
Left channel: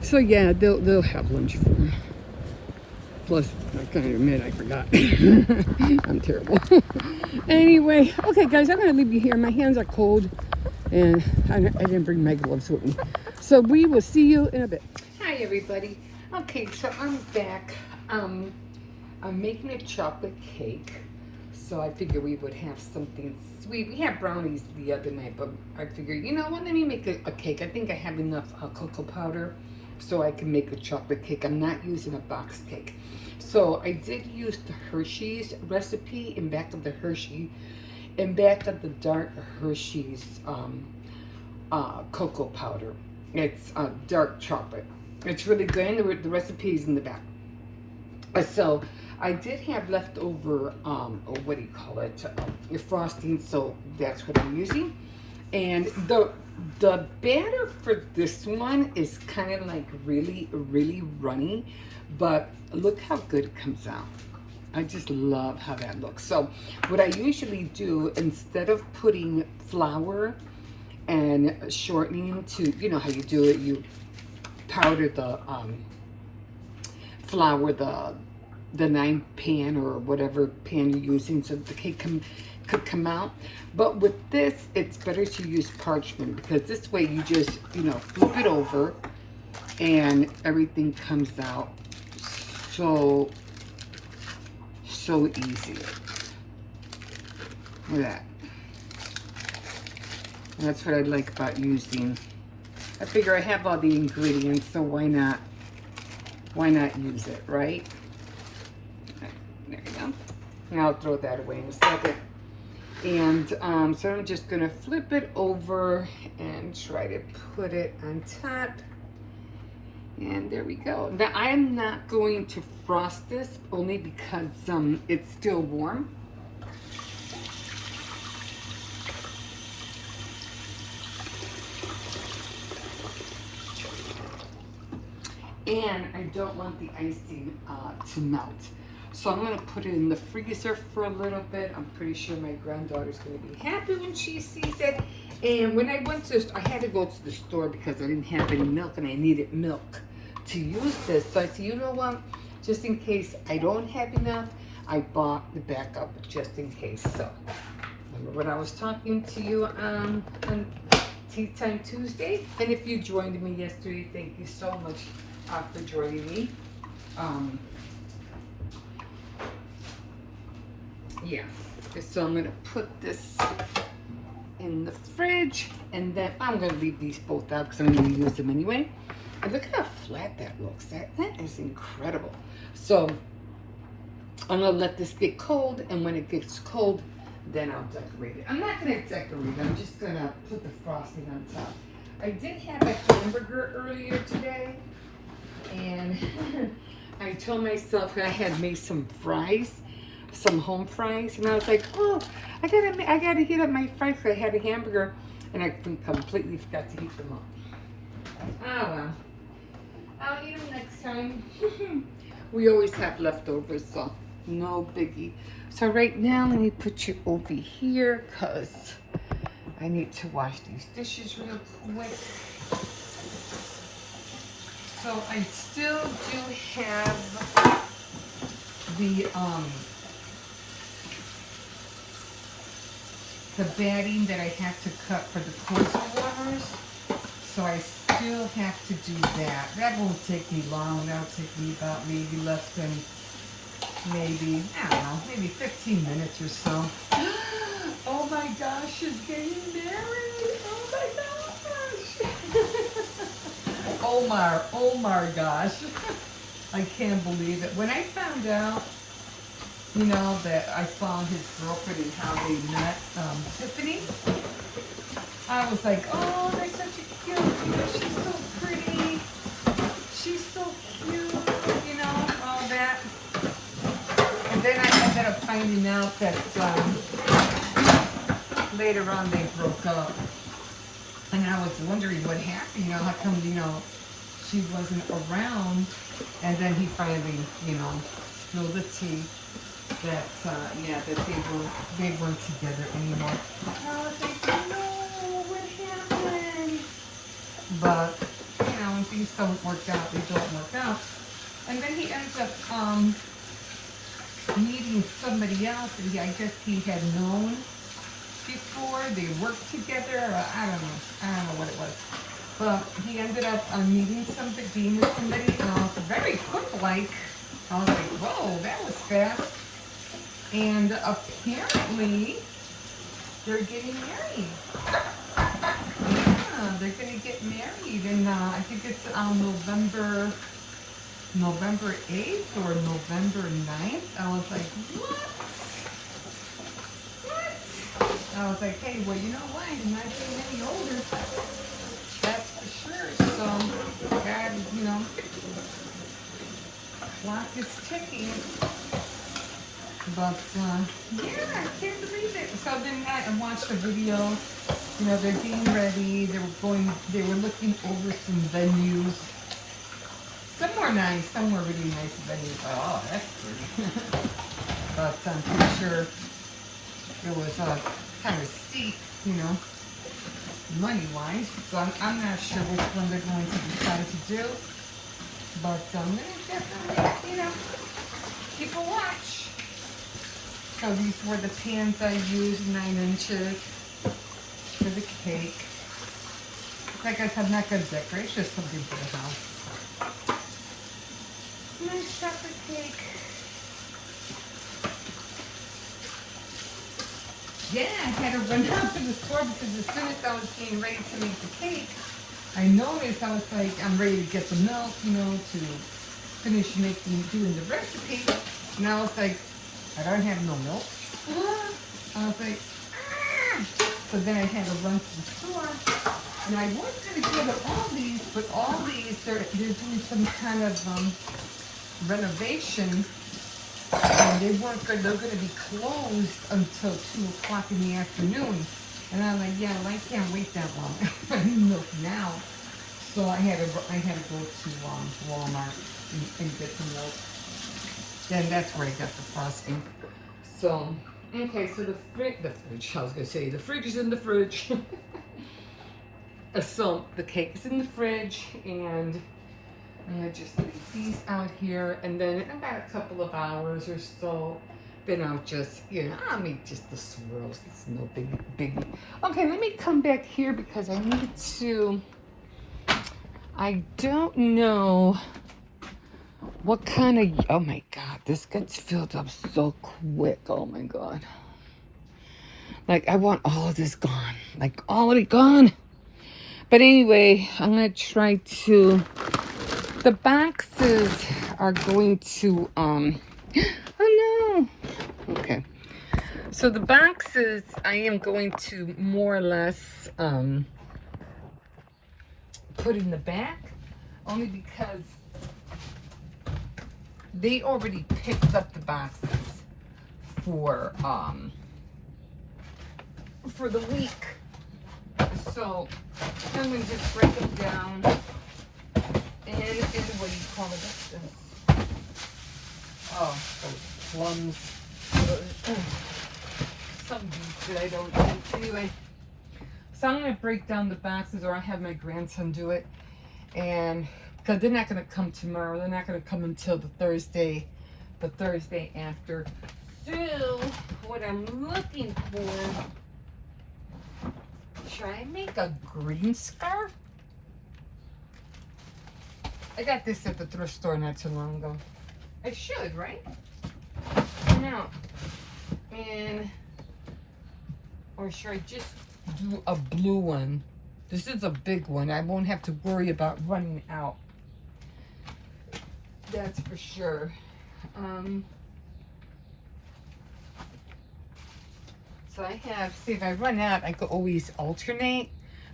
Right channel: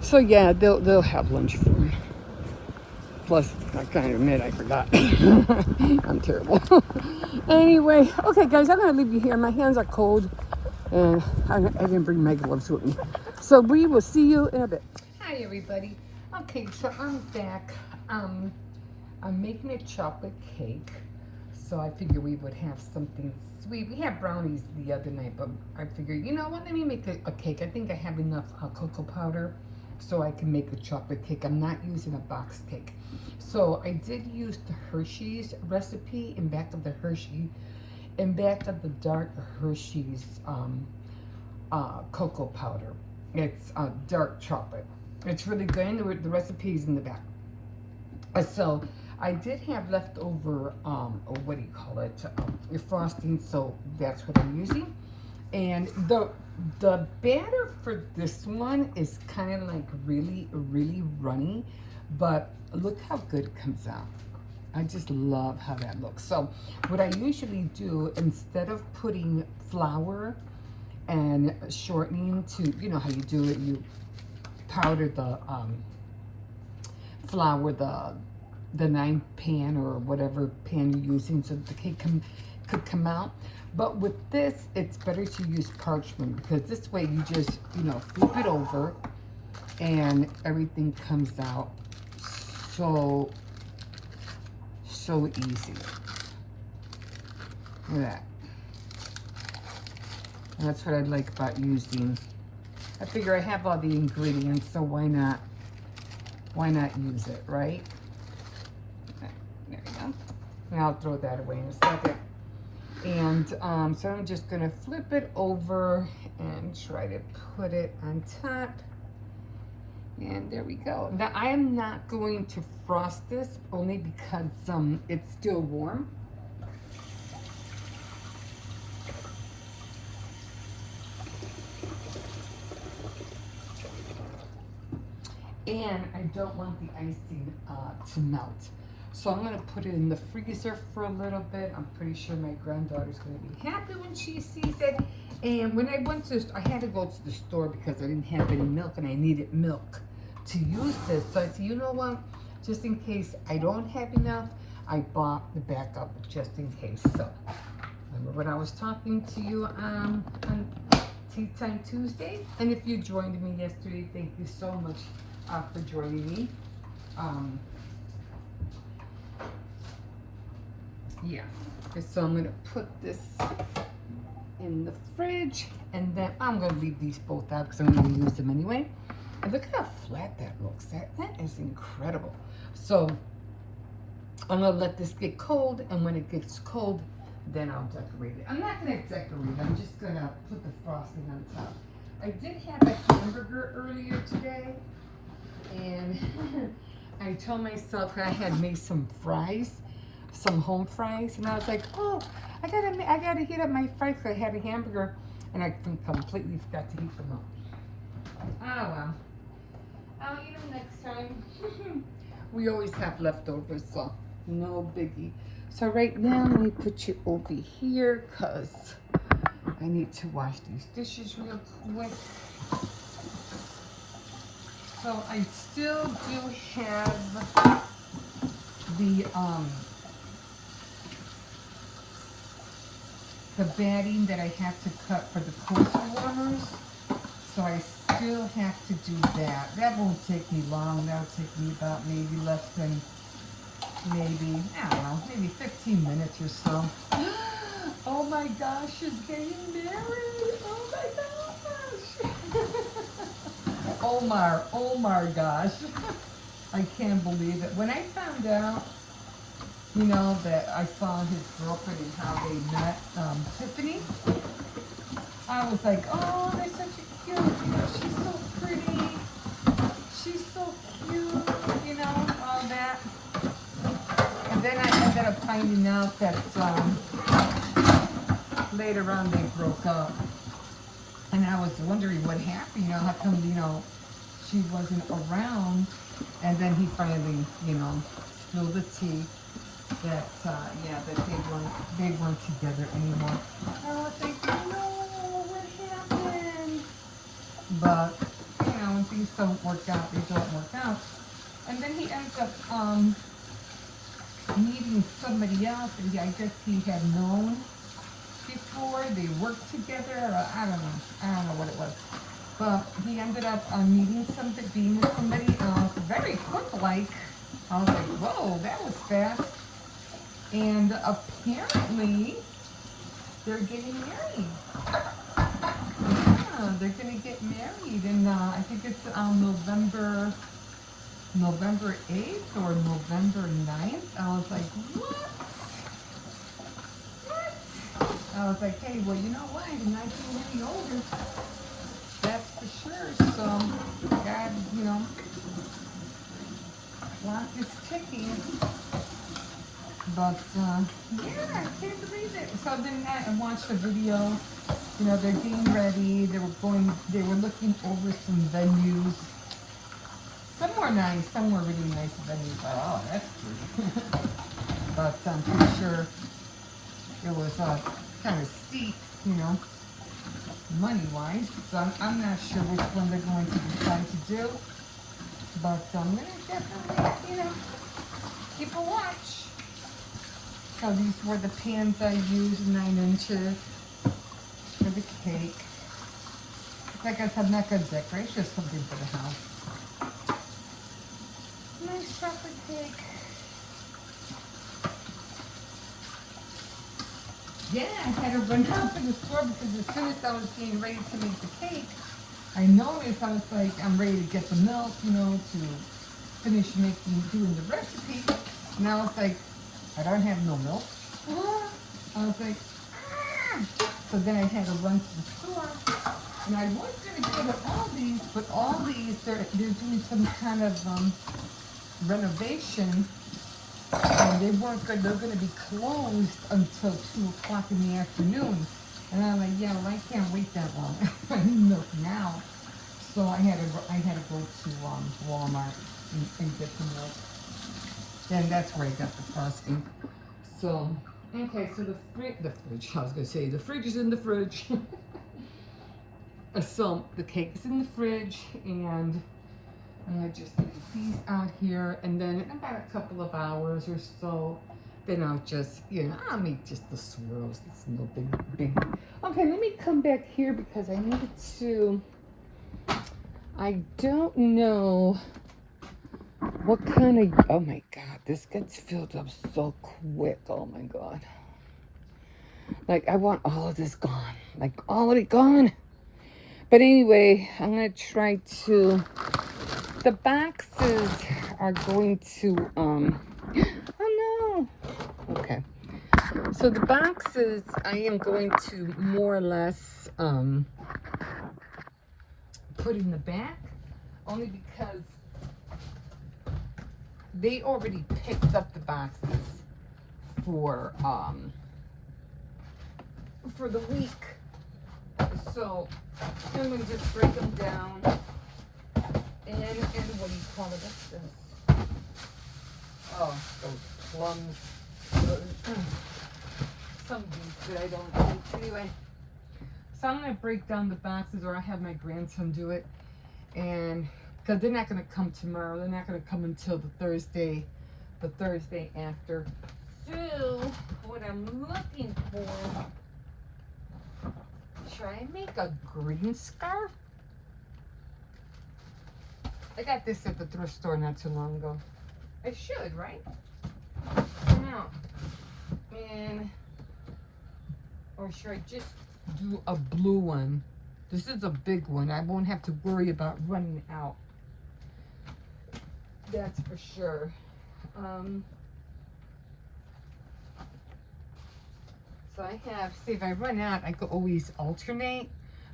So yeah, they'll have lunch for him. Plus, I can't admit I forgot. I'm terrible. Anyway, okay guys, I'm gonna leave you here. My hands are cold, and I didn't bring my gloves with me. So we will see you in a bit. Hi everybody. Okay, so I'm back. I'm making a chocolate cake. So I figured we would have something sweet. We had brownies the other night, but I figured, what, let me make a cake. I think I have enough cocoa powder so I can make a chocolate cake. I'm not using a box cake. So I did use the Hershey's recipe in back of the dark Hershey's cocoa powder. It's dark chocolate. It's really good. And the recipe is in the back. So I did have leftover, what do you call it, frosting, so that's what I'm using. And the batter for this one is kind of like really, really runny, but look how good it comes out. I just love how that looks. So what I usually do, instead of putting flour and shortening to, how you do it, you powder the flour, the 9 pan or whatever pan you're using so the cake could come out. But with this, it's better to use parchment, because this way you just, flip it over and everything comes out so easy. Look at that. And that's what I like about using. I figure I have all the ingredients, so why not use it, right? There you go. And I'll throw that away in a second. And so I'm just gonna flip it over and try to put it on top. And there we go. Now I am not going to frost this, only because it's still warm. And I don't want the icing to melt. So I'm gonna put it in the freezer for a little bit. I'm pretty sure my granddaughter's gonna be happy when she sees it. And when I had to go to the store because I didn't have any milk and I needed milk to use this. So I said, you know what? Just in case I don't have enough, I bought the backup just in case. So remember when I was talking to you on Tea Time Tuesday? And if you joined me yesterday, thank you so much for joining me. Yeah, so I'm gonna put this in the fridge, and then I'm gonna leave these both out because I'm gonna use them anyway. And look at how flat that looks. That is incredible. So I'm gonna let this get cold, and when it gets cold, then I'll decorate it. I'm not gonna decorate it. I'm just gonna put the frosting on top. I did have a hamburger earlier today, and I told myself I had made some fries, some home fries, and I was like, oh, I gotta heat up my fries. I had a hamburger, and I completely forgot to heat them up. Ah well, I'll eat them next time. We always have leftovers, so no biggie. So right now, let me put you over here, cause I need to wash these dishes real quick. So I still do have the batting that I have to cut for the coastal warmers. So I still have to do that. That won't take me long. That'll take me about maybe less than maybe, I don't know, maybe 15 minutes or so. Oh my gosh, she's getting married. Oh my gosh. Oh my gosh. I can't believe it. When I found out, you know, that I saw his girlfriend and how they met, Tiffany, I was like, oh, they're such a cute, she's so pretty, she's so cute, you know, all that. And then I ended up finding out that later on they broke up. And I was wondering what happened, you know, how come, you know, she wasn't around. And then he finally, you know, spilled the tea that, yeah, that they weren't together anymore. And I was like, no, what happened? But, you know, when things don't work out, they don't work out. And then he ends up, meeting somebody else, and I guess he had known before, they worked together, or I don't know what it was. But he ended up meeting somebody, being with somebody very quick, like, I was like, whoa, that was fast. And apparently, they're getting married. Yeah, they're gonna get married, and I think it's on November 8th or November 9th. I was like, what? I was like, hey, well, you know what? I'm not getting any older. That's for sure. So, God, you know, clock is ticking. But, yeah, I can't believe it. So then I watched the video. You know, they're getting ready. They were looking over some venues. Some were nice, some were really nice venues. Like, oh, that's good. But I'm pretty sure it was kind of steep, you know, money-wise. So I'm not sure which one they're going to decide to do. But definitely, you know, keep a watch. So these were the pans I used, 9 inches for the cake. Like I said, I'm not going to decorate, it's just something for the house. Nice chocolate cake. Yeah, I had to run out to the store because as soon as I was getting ready to make the cake, I noticed I was like, I'm ready to get the milk, you know, to finish doing the recipe. And I was like, I don't have no milk. I was like, ah! So then I had to run to the store. And I was going to go to Aldi's, but Aldi's, they're doing some kind of renovation, and they're going to be closed until 2 o'clock in the afternoon. And I'm like, yeah, well, I can't wait that long. I need milk now. So I had to go to Walmart and get some milk. And that's where I got the frosting. So, okay, so the fridge, I was going to say, the fridge is in the fridge. So the cake is in the fridge, and I'm gonna just leave these out here, and then in about a couple of hours or so, then I'll just, I'll make just the swirls. It's no big. Okay, let me come back here because I need to. I don't know what kind of. Oh my God, this gets filled up so quick. Oh my God. Like I want all of this gone, like all of it gone. But anyway, I'm gonna try to. The boxes are going to. Oh no. Okay. So the boxes, I am going to more or less put in the back, only because they already picked up the boxes for the week. So I'm gonna just break them down and what do you call it? Oh, plums. Some beets that I don't eat. Anyway, so I'm gonna break down the boxes, or I have my grandson do it, and because they're not gonna come tomorrow, they're not gonna come until the Thursday after. So what I'm looking for, should I make a green scarf? I got this at the thrift store not too long ago. I should, right? Now, and or should I just do a blue one? This is a big one. I won't have to worry about running out. That's for sure. So I have, see if I run out, I could always alternate,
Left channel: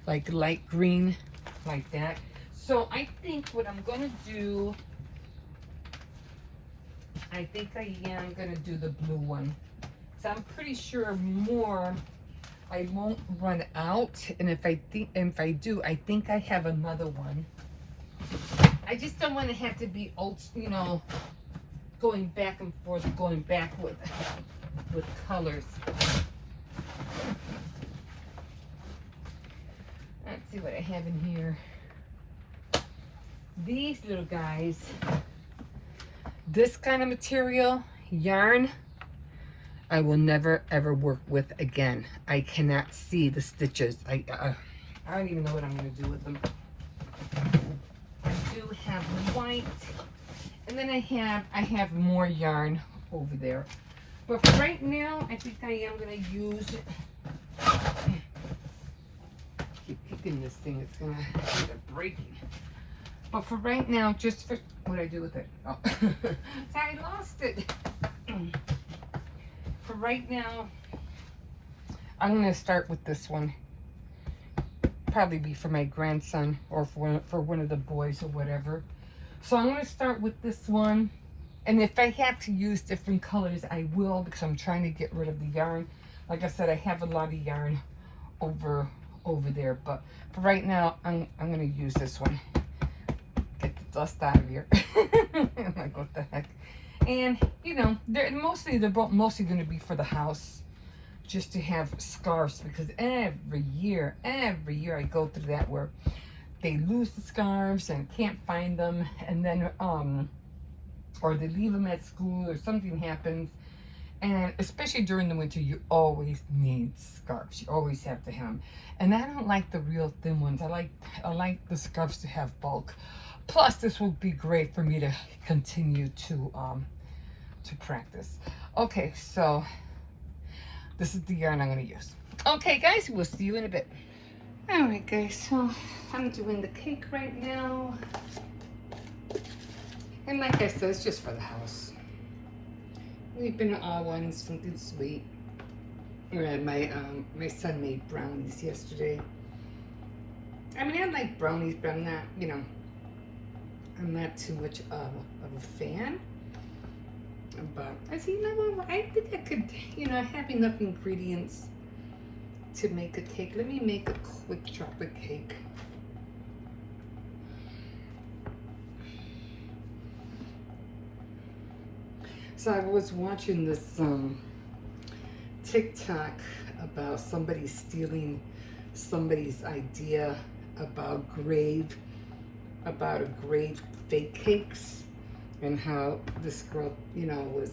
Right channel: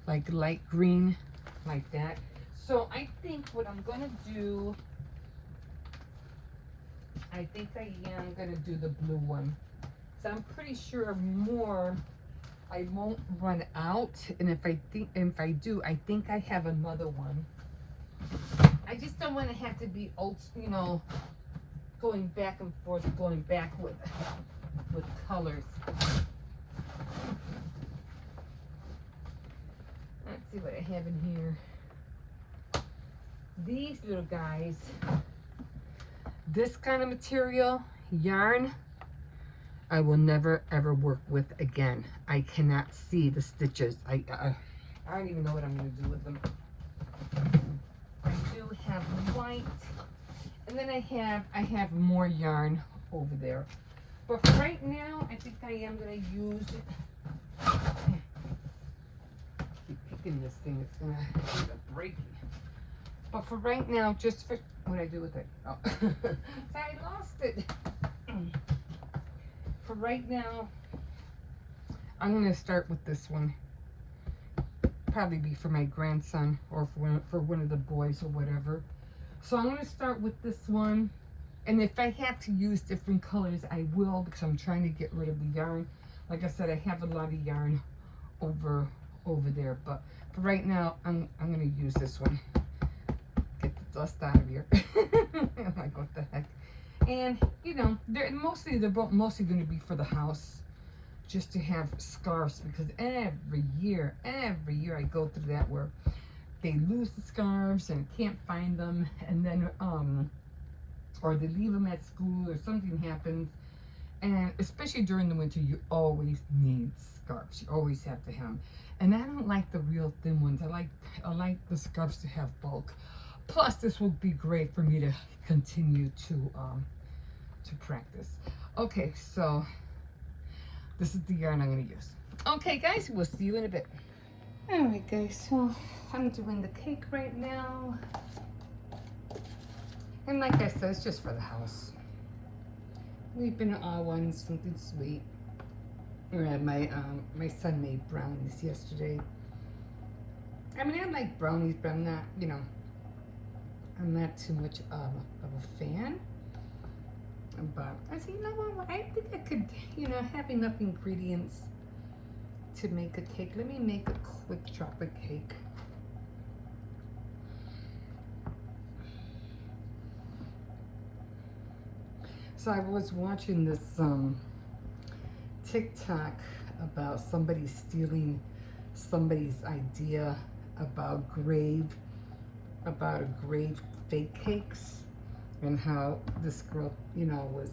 like light green, like that. So I think what I'm gonna do, I think I am gonna do the blue one. So I'm pretty sure more I won't run out, and if I do, I think I have another one. I just don't want to have to be, going back and forth, going back with colors. Let's see what I have in here. These little guys, this kind of material, yarn, I will never ever work with again. I cannot see the stitches. I don't even know what I'm going to do with them. I do have white, and then I have more yarn over there. But for right now, I think I am going to use. Keep kicking this thing. It's going to end up breaking. But for right now, just for what I do with it. Oh, I lost it. For right now, I'm going to start with this one. Probably be for my grandson or for one of the boys or whatever. So I'm going to start with this one. And if I have to use different colors, I will, because I'm trying to get rid of the yarn. Like I said, I have a lot of yarn over there. But for right now, I'm going to use this one. Get the dust out of here. I'm like, what the heck? And, they're mostly going to be for the house. Just to have scarves, because every year I go through that where they lose the scarves and can't find them, and then or they leave them at school or something happens, and especially during the winter you always need scarves. You always have to have them, and I don't like the real thin ones. I like the scarves to have bulk. Plus, this would be great for me to continue to practice. Okay, so. This is the yarn I'm going to use. Okay, guys, we'll see you in a bit. All right, guys, so I'm doing the cake right now. And like I said, it's just for the house. We've been all wanting something sweet. My son made brownies yesterday. I mean, I like brownies, but I'm not, I'm not too much of a fan. But I said, what? I think I could, have enough ingredients to make a cake. Let me make a quick chocolate cake. So I was watching this TikTok about somebody stealing somebody's idea about grave about a grade fake cakes and how this girl, you know, was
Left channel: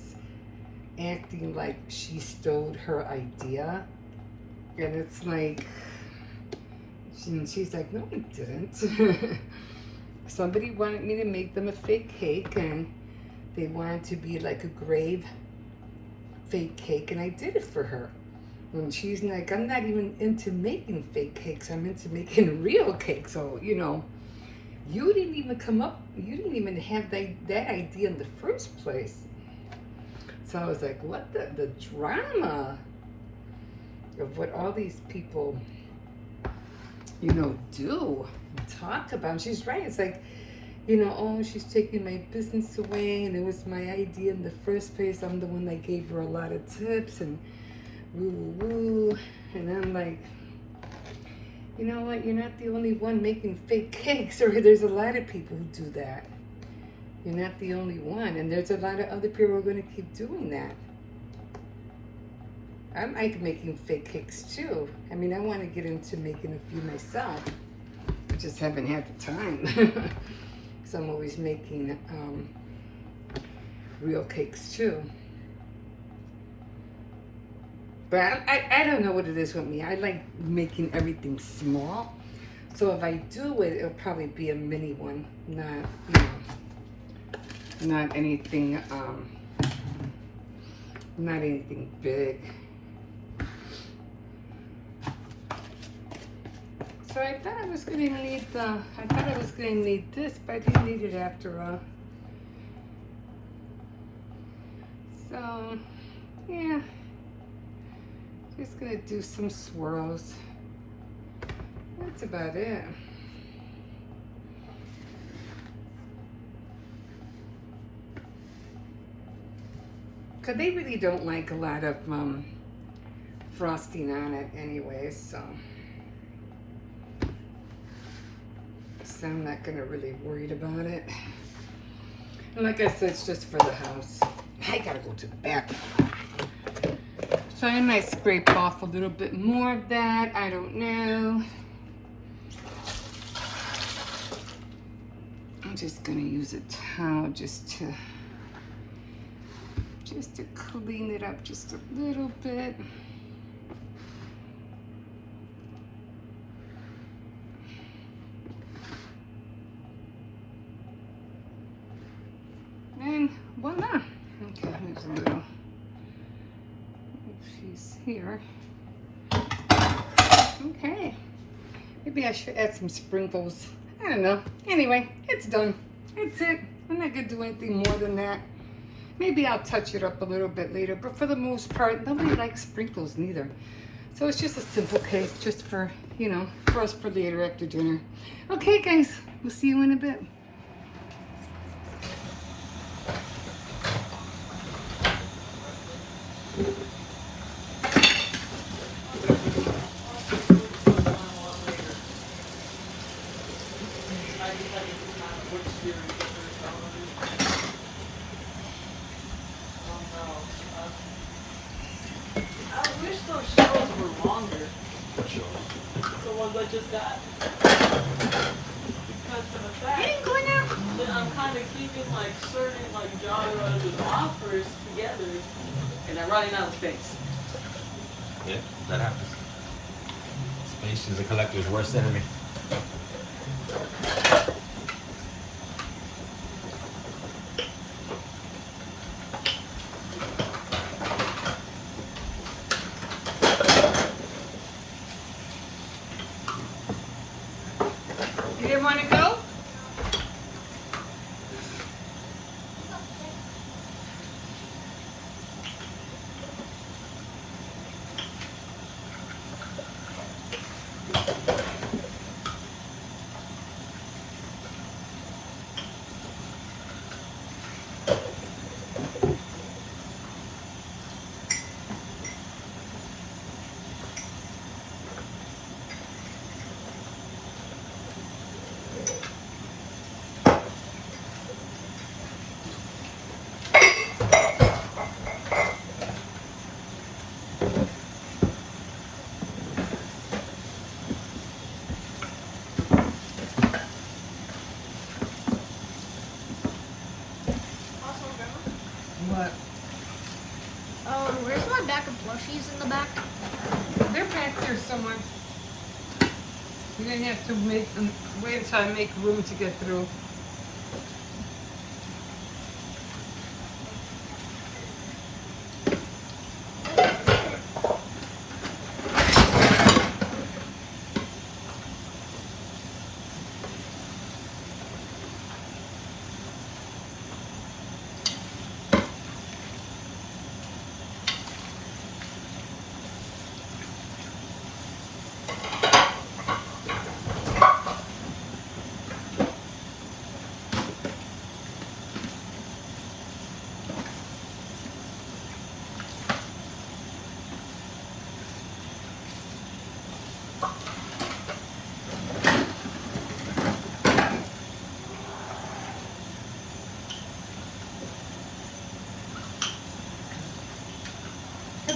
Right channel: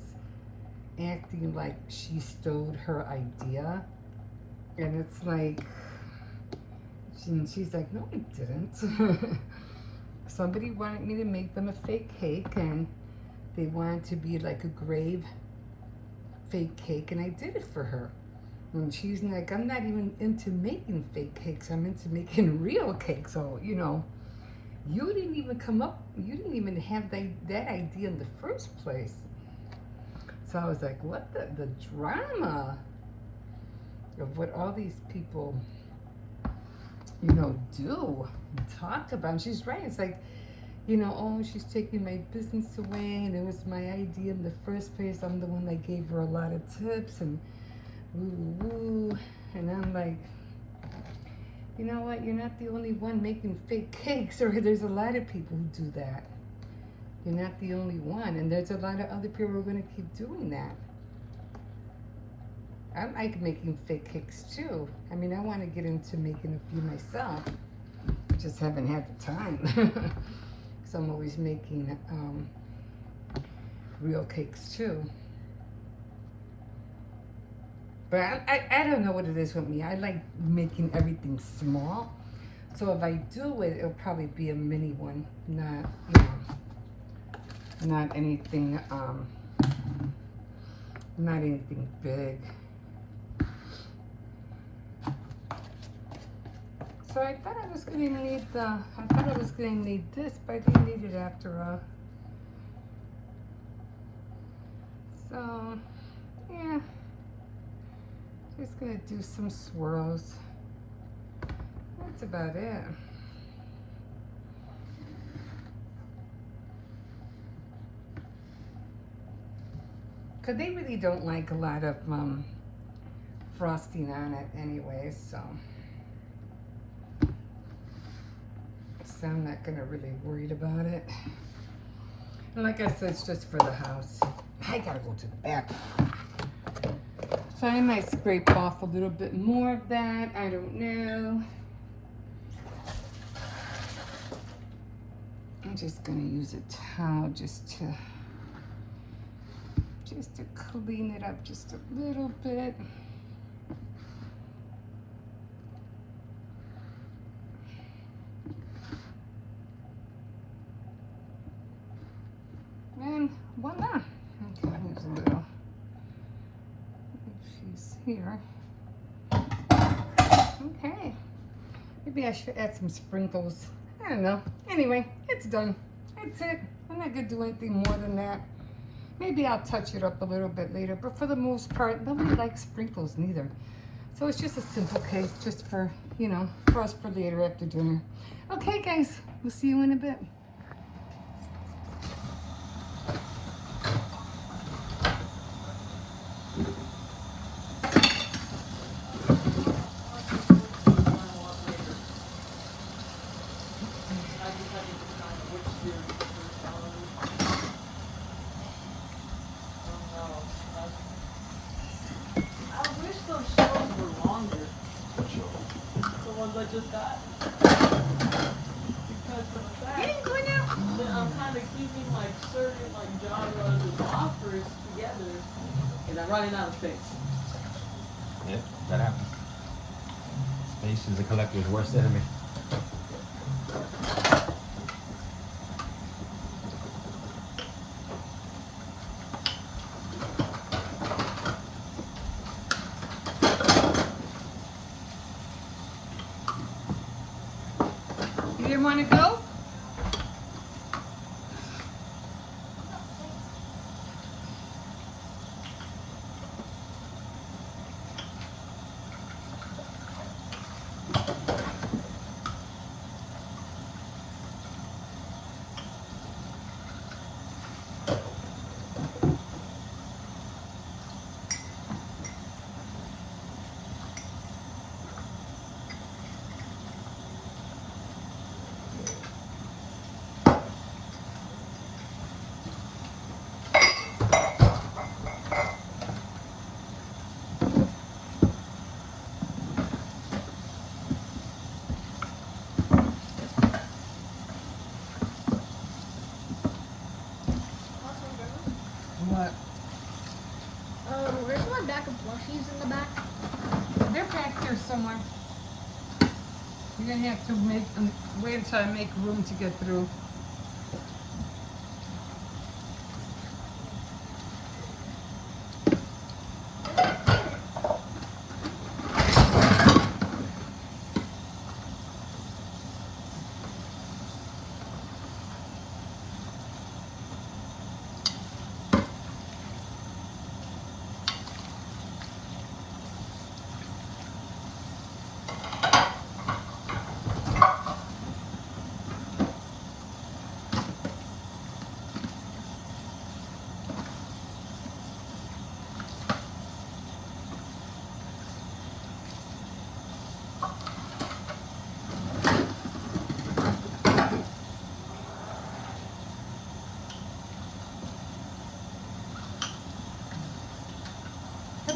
acting like she stole her idea. And it's like, she's like, no, it didn't. Somebody wanted me to make them a fake cake, and they wanted to be like a grave fake cake, and I did it for her. And she's like, I'm not even into making fake cakes, I'm into making real cakes. So, you know, you didn't even you didn't even have that idea in the first place. So I was like, what the drama of what all these people, you know, do and talk about. And she's right. It's like, you know, oh, she's taking my business away, and it was my idea in the first place. I'm the one that gave her a lot of tips, and woo woo woo. And I'm like, you know what? You're not the only one making fake cakes, or there's a lot of people who do that. You're not the only one, and there's a lot of other people who are going to keep doing that. I like making fake cakes too. I mean, I want to get into making a few myself. I just haven't had the time. So I'm always making real cakes too. But I don't know what it is with me. I like making everything small. So if I do it, it'll probably be a mini one, not, you know, not anything big. So I thought I was gonna need this, but I didn't need it after all. So yeah, just gonna do some swirls. That's about it. Cause they really don't like a lot of frosting on it anyway, so I'm not gonna really worried about it. And like I said, it's just for the house. I gotta go to the bathroom. So I might scrape off a little bit more of that. I don't know. I'm just gonna use a towel just to clean it up just a little bit. And voila. Okay, there's a little, she's here. Okay. Maybe I should add some sprinkles. I don't know. Anyway, it's done. That's it. I'm not gonna do anything more than that. Maybe I'll touch it up a little bit later, but for the most part, nobody likes sprinkles neither. So it's just a simple cake, just for, you know, for us for later after dinner. Okay, guys, we'll see you in a bit. Running out of space. Yeah, that happens. Space is a collector's worst enemy. You didn't want to go? You're gonna have to wait until I make room to get through.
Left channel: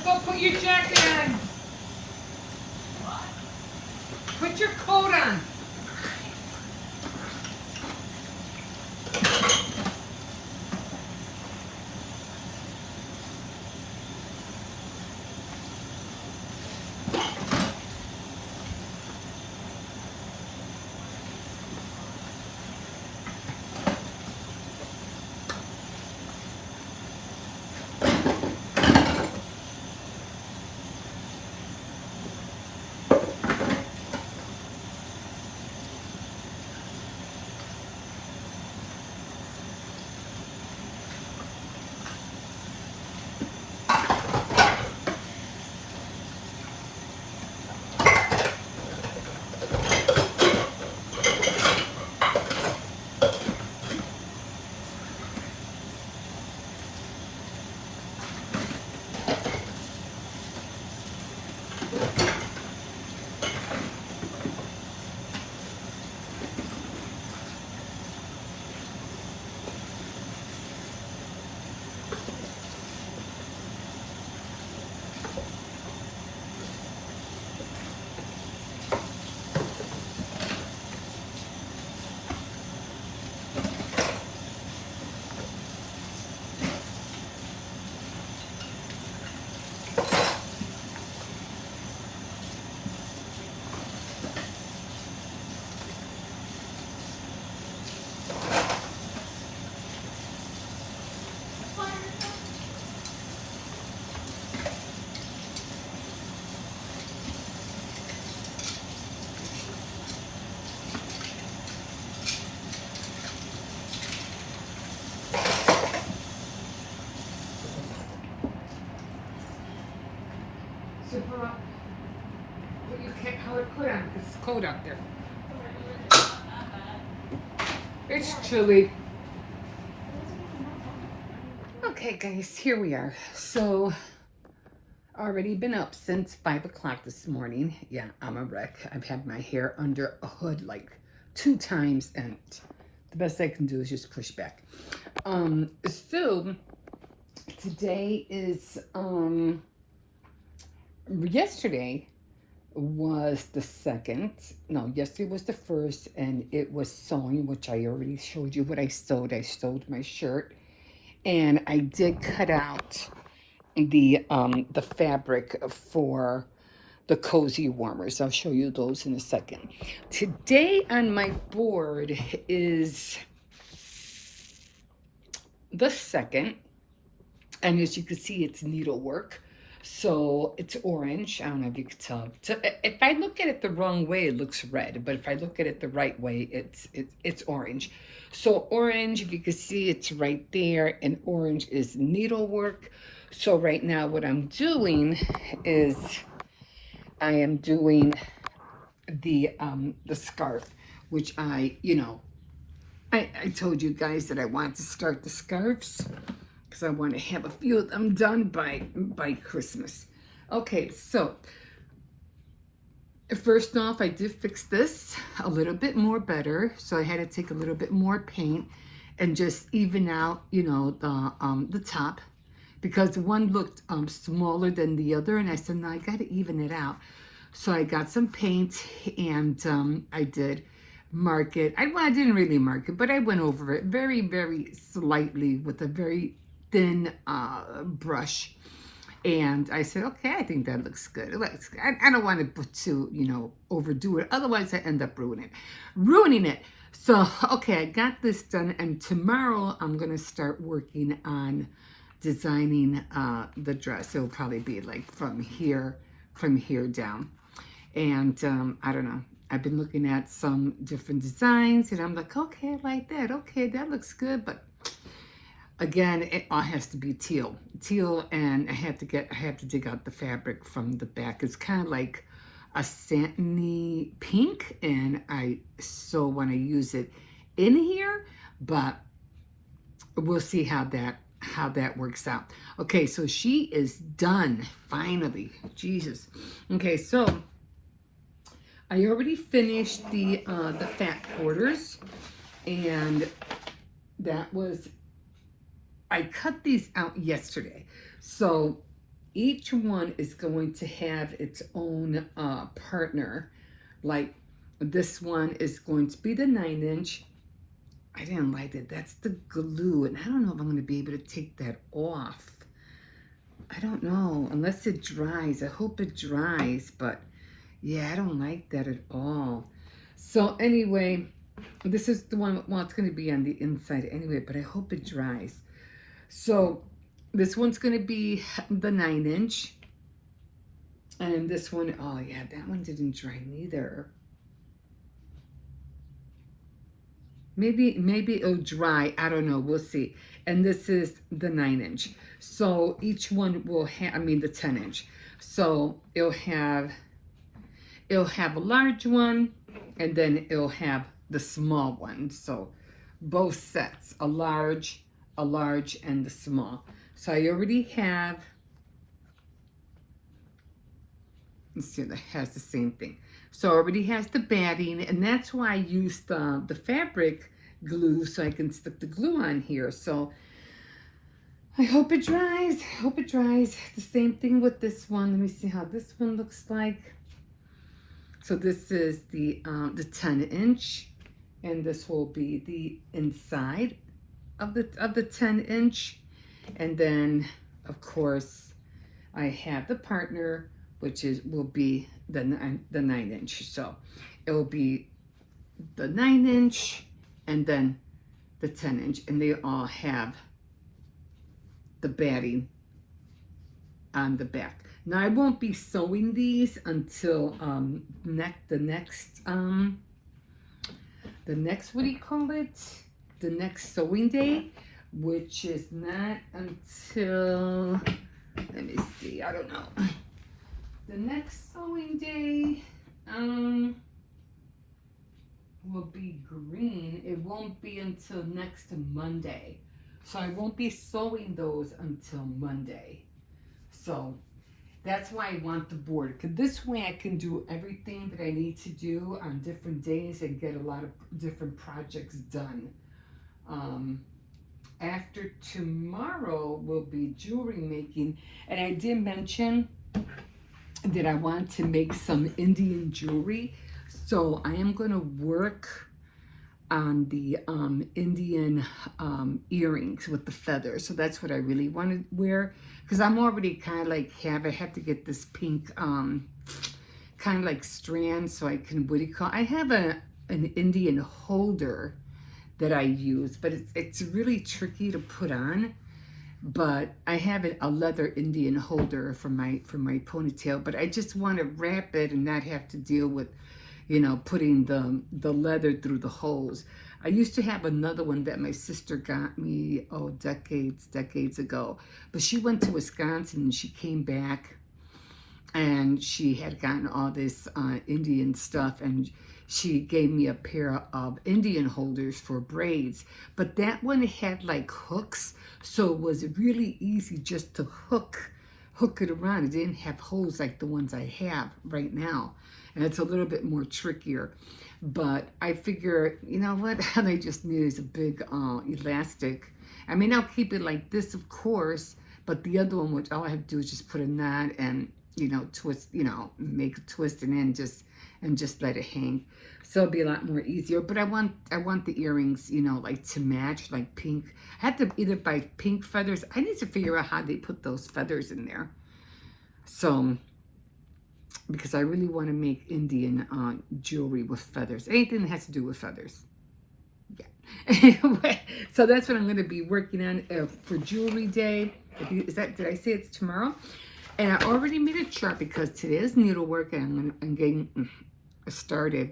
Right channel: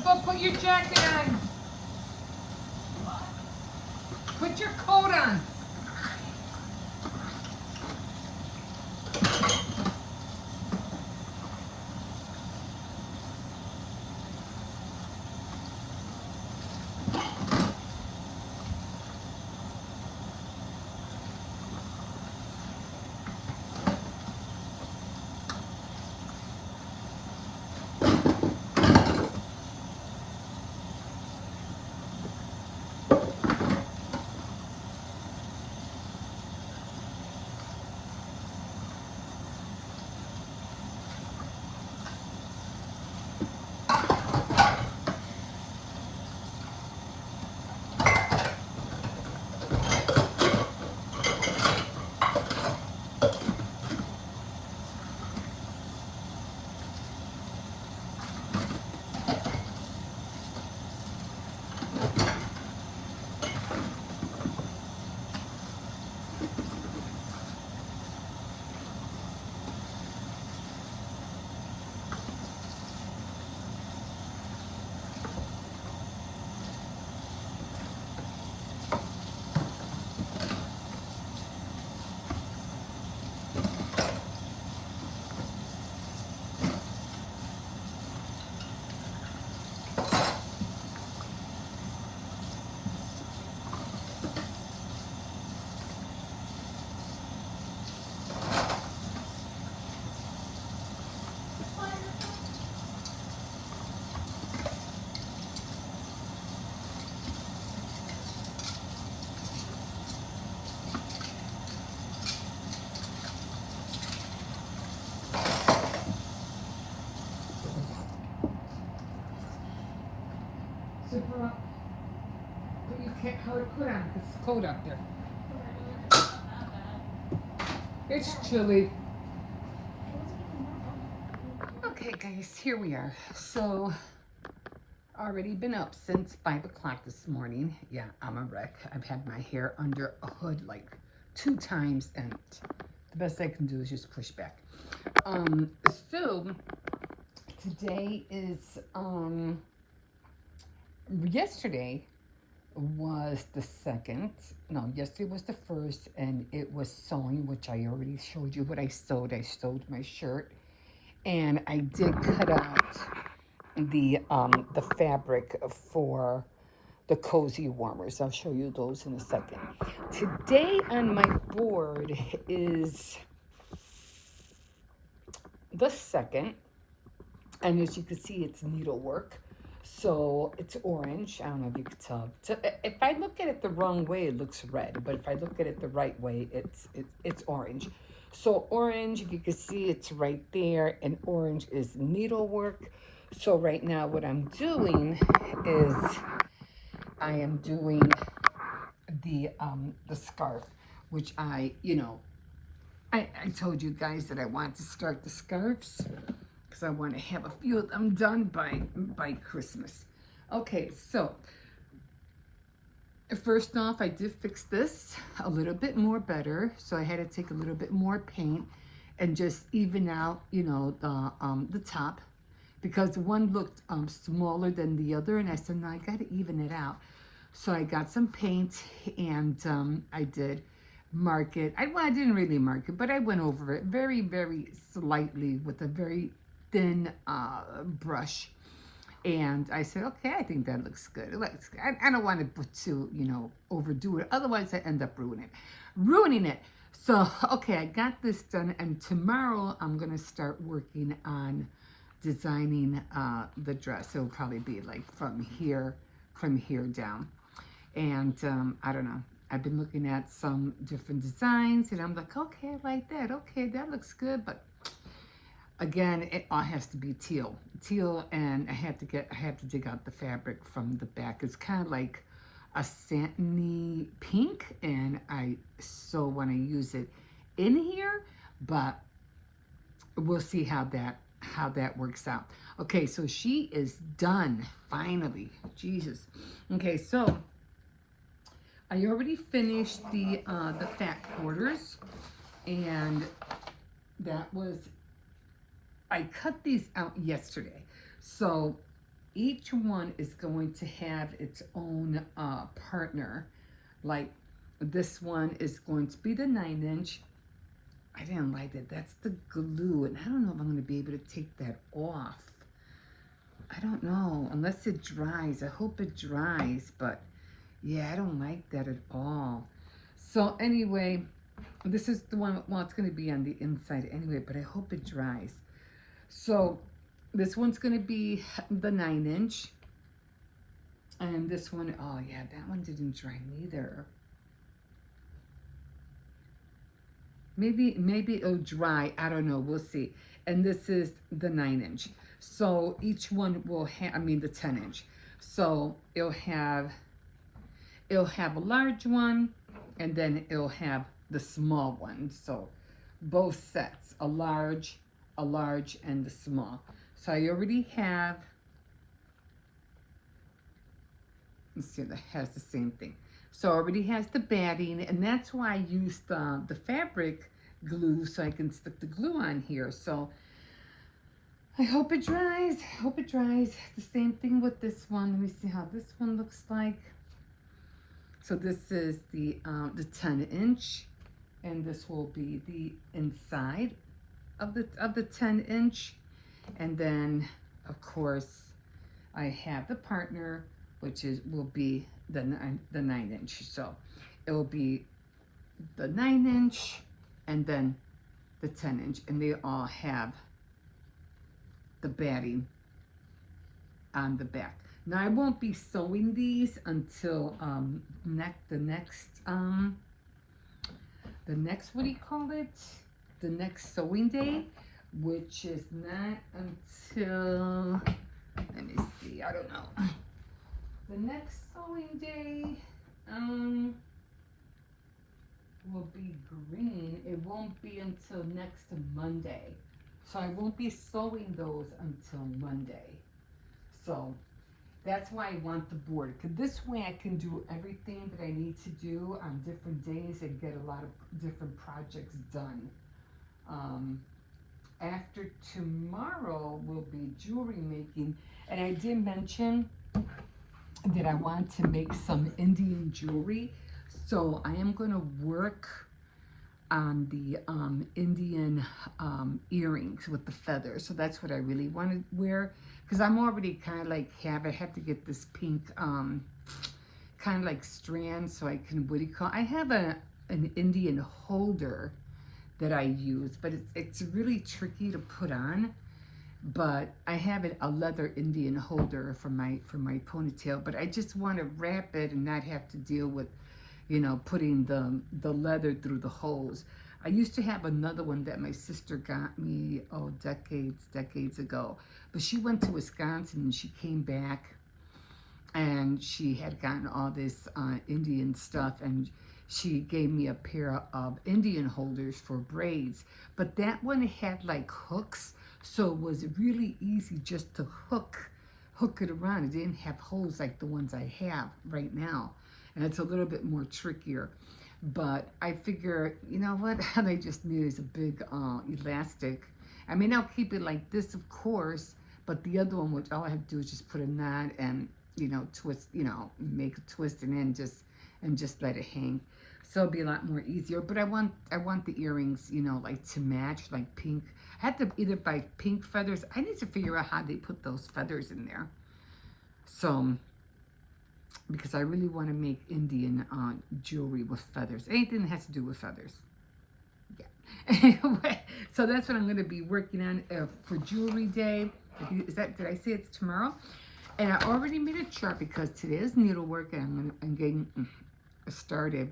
Go put your jacket on. Put your coat on. Super. Put your coat on. It's cold out there. It's chilly. Okay, guys, here we are. So, already been up since 5 o'clock this morning. Yeah, I'm a wreck. I've had my hair under a hood like 2 times, and the best I can do is just push back. So, today is, yesterday was the 2nd. No, yesterday was the 1st, and it was sewing, which I already showed you what I sewed. I sewed my shirt, and I did cut out the fabric for the cozy warmers. I'll show you those in a second. Today on my board is the 2nd, and as you can see, it's needlework. So it's orange. I don't know if you can tell. So if I look at it the wrong way, it looks red. But if I look at it the right way, it's orange. So orange, if you can see, it's right there. And orange is needlework. So right now what I'm doing is I am doing the scarf, which I told you guys that I wanted to start the scarves, because I want to have a few of them done by Christmas. Okay, so first off, I did fix this a little bit more better. So I had to take a little bit more paint and just even out, the top, because one looked smaller than the other, and I said, no, I got to even it out. So I got some paint, and I did mark it. I didn't really mark it, but I went over it very, very slightly with a very thin brush. And I said, okay, I think that looks good. It looks, I don't want to, overdo it. Otherwise, I end up ruining it. So, okay, I got this done. And tomorrow, I'm going to start working on designing the dress. It'll probably be like from here down. And I don't know. I've been looking at some different designs. And I'm like, okay, I like that. Okay, that looks good. But again, it all has to be teal, and I have to dig out the fabric from the back. It's kind of like a satiny pink, and I so want to use it in here, but we'll see how that works out. Okay, so she is done finally. Jesus. Okay, so I already finished the fat quarters, and that was. I cut these out yesterday. So each one is going to have its own partner. Like this one is going to be the 9-inch. I didn't like it. That's the glue. And I don't know if I'm going to be able to take that off. I don't know. Unless it dries. I hope it dries. But yeah, I don't like that at all. So anyway, this is the one. Well, it's going to be on the inside anyway. But I hope it dries. So this one's going to be the 9-inch, and this one, oh yeah, that one didn't dry neither. Maybe it'll dry. I don't know. We'll see. And this is the 9-inch. So each one will have, the 10-inch. So it'll have a large one, and then it'll have the small one. So both sets, a large, and the small. So I already have, let's see, that has the same thing. So it already has the batting, and that's why I used the fabric glue, so I can stick the glue on here. So I hope it dries. The same thing with this one. Let me see how this one looks like. So this is the 10-inch, and this will be the inside of the 10-inch, and then of course I have the partner, which will be the 9-inch. So it will be the 9-inch and then the 10-inch, and they all have the batting on the back. Now I won't be sewing these until the next what do you call it? The next sewing day, which is not until, let me see, I don't know. The next sewing day will be green. It won't be until next Monday. So I won't be sewing those until Monday. So that's why I want the board, because this way I can do everything that I need to do on different days and get a lot of different projects done. After tomorrow will be jewelry making, and I did mention that I want to make some Indian jewelry, so I am going to work on the Indian earrings with the feathers. So that's what I really want to wear, because I'm already kind of like I have to get this pink kind of like strand, so I can, what do you call, I have an Indian holder that I use, but it's really tricky to put on. But I have a leather Indian holder for my ponytail, but I just want to wrap it and not have to deal with, putting the leather through the holes. I used to have another one that my sister got me, decades ago, but she went to Wisconsin and she came back and she had gotten all this Indian stuff, and she gave me a pair of Indian holders for braids, but that one had like hooks, so it was really easy just to hook it around. It didn't have holes like the ones I have right now, and it's a little bit more trickier. But I figure, you know what, all I just need is a big elastic. I mean, I'll keep it like this, of course, but the other one, which all I have to do is just put a knot and, twist, make a twist and just let it hang. So it'll be a lot more easier. But I want the earrings, like to match, like pink. I have to either buy pink feathers. I need to figure out how they put those feathers in there. So, because I really want to make Indian jewelry with feathers. Anything that has to do with feathers. Yeah. Anyway, so that's what I'm going to be working on for Jewelry Day. Did I say it's tomorrow? And I already made a chart because today is needlework, and I'm getting started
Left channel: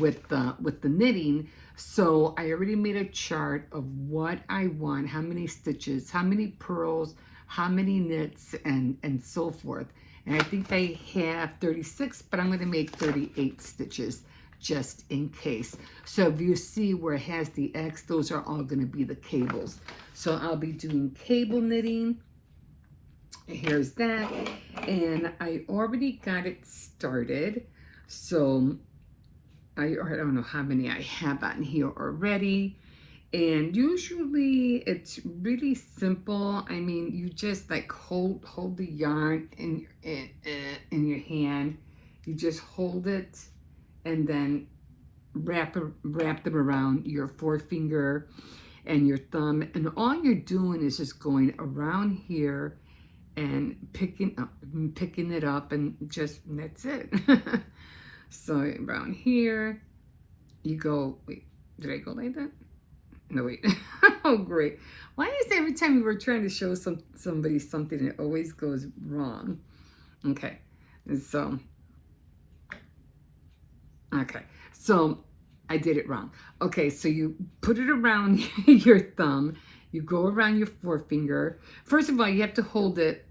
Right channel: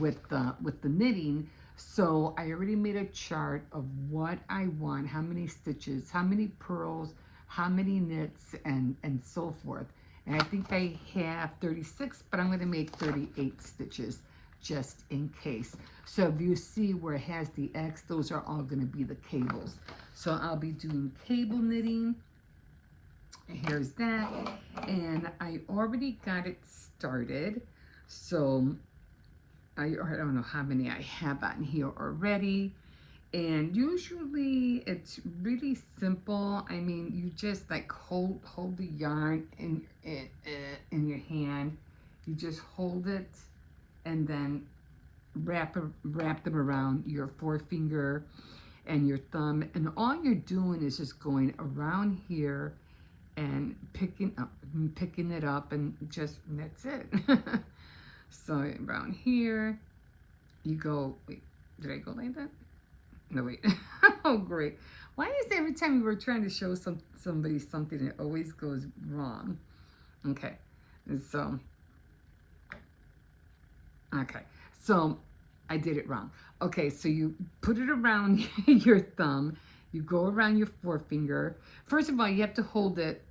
with the knitting. So I already made a chart of what I want, how many stitches, how many pearls, how many knits, and so forth. And I think I have 36, but I'm going to make 38 stitches just in case. So if you see where it has the X, those are all going to be the cables. So I'll be doing cable knitting. Here's that. And I already got it started. So I don't know how many I have on here already. And usually it's really simple. I mean, you just like hold the yarn in your hand. You just hold it and then wrap them around your forefinger and your thumb. And all you're doing is just going around here and picking it up, and that's it. So around here, you go. Wait, did I go like that? No, wait. Oh, great. Why is every time we're trying to show somebody something, it always goes wrong? Okay, so I did it wrong. Okay, so you put it around your thumb. You go around your forefinger. First of all, you have to hold it,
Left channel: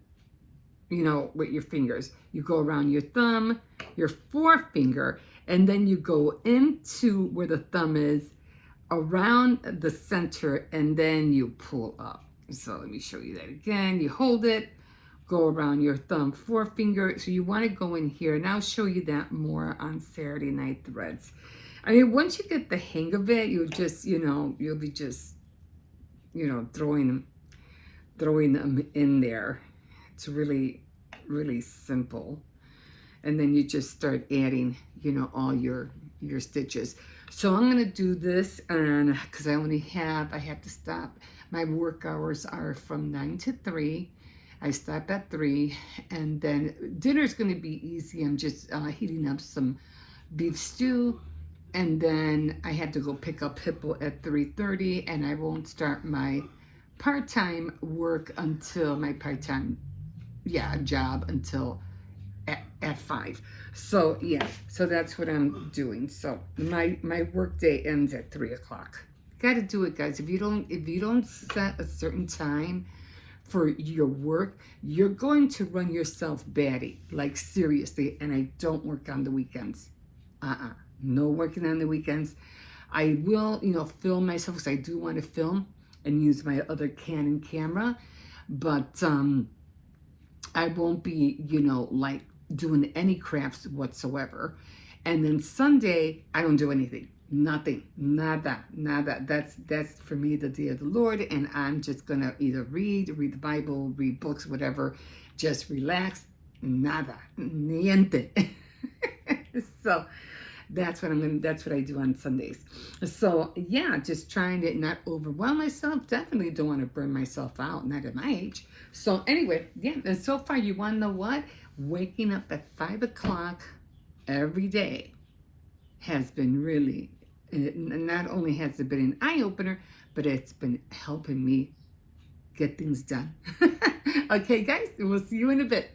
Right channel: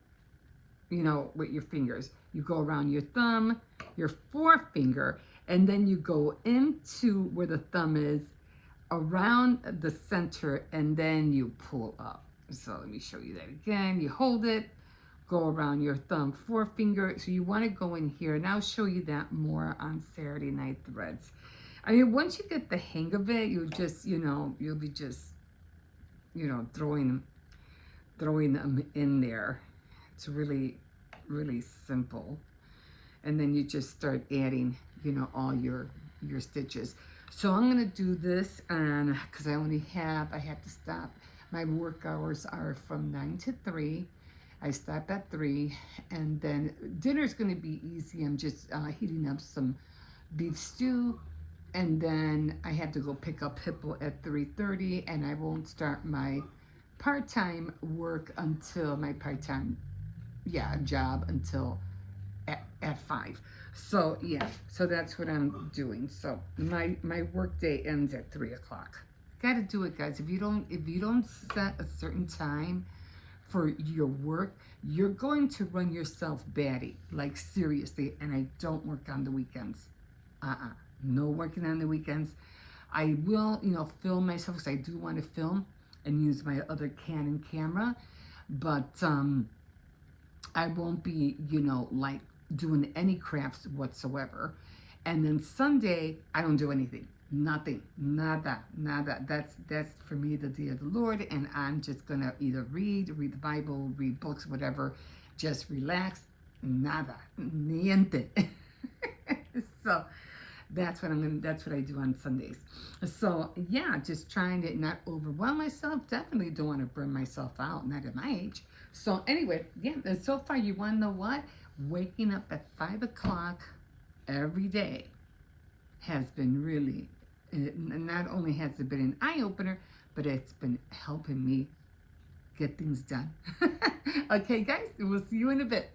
with your fingers. You go around your thumb, your forefinger, and then you go into where the thumb is, around the center, and then you pull up. So let me show you that again. You hold it, go around your thumb, forefinger. So you want to go in here, and I'll show you that more on Saturday Night Threads. I mean, once you get the hang of it, you'll just, you'll be just, throwing them in there. It's really, really simple. And then you just start adding, all your stitches. So I'm going to do this, and because I have to stop. My work hours are from 9 to 3. I stop at 3, and then dinner's going to be easy. I'm just heating up some beef stew, and then I have to go pick up Hippo at 3:30, and I won't start my part-time work until my part-time job until at 5. So so that's what I'm doing. So my work day ends at 3 o'clock. Gotta do it, guys. If you don't set a certain time for your work, you're going to run yourself batty, like seriously. And I don't work on the weekends. No working on the weekends. I will, film myself, because I do want to film and use my other Canon camera, but I won't be, like doing any crafts whatsoever. And then Sunday, I don't do anything. Nothing. Nada. That's for me the day of the Lord, and I'm just gonna either read the Bible, read books, whatever, just relax. Nada. Niente. So that's what I do on Sundays. So just trying to not overwhelm myself. Definitely don't want to burn myself out, not at my age. So anyway, and so far, you want to know what? Waking up at 5 o'clock every day has been really, not only has it been an eye-opener, but it's been helping me get things done. Okay, guys, we'll see you in a bit.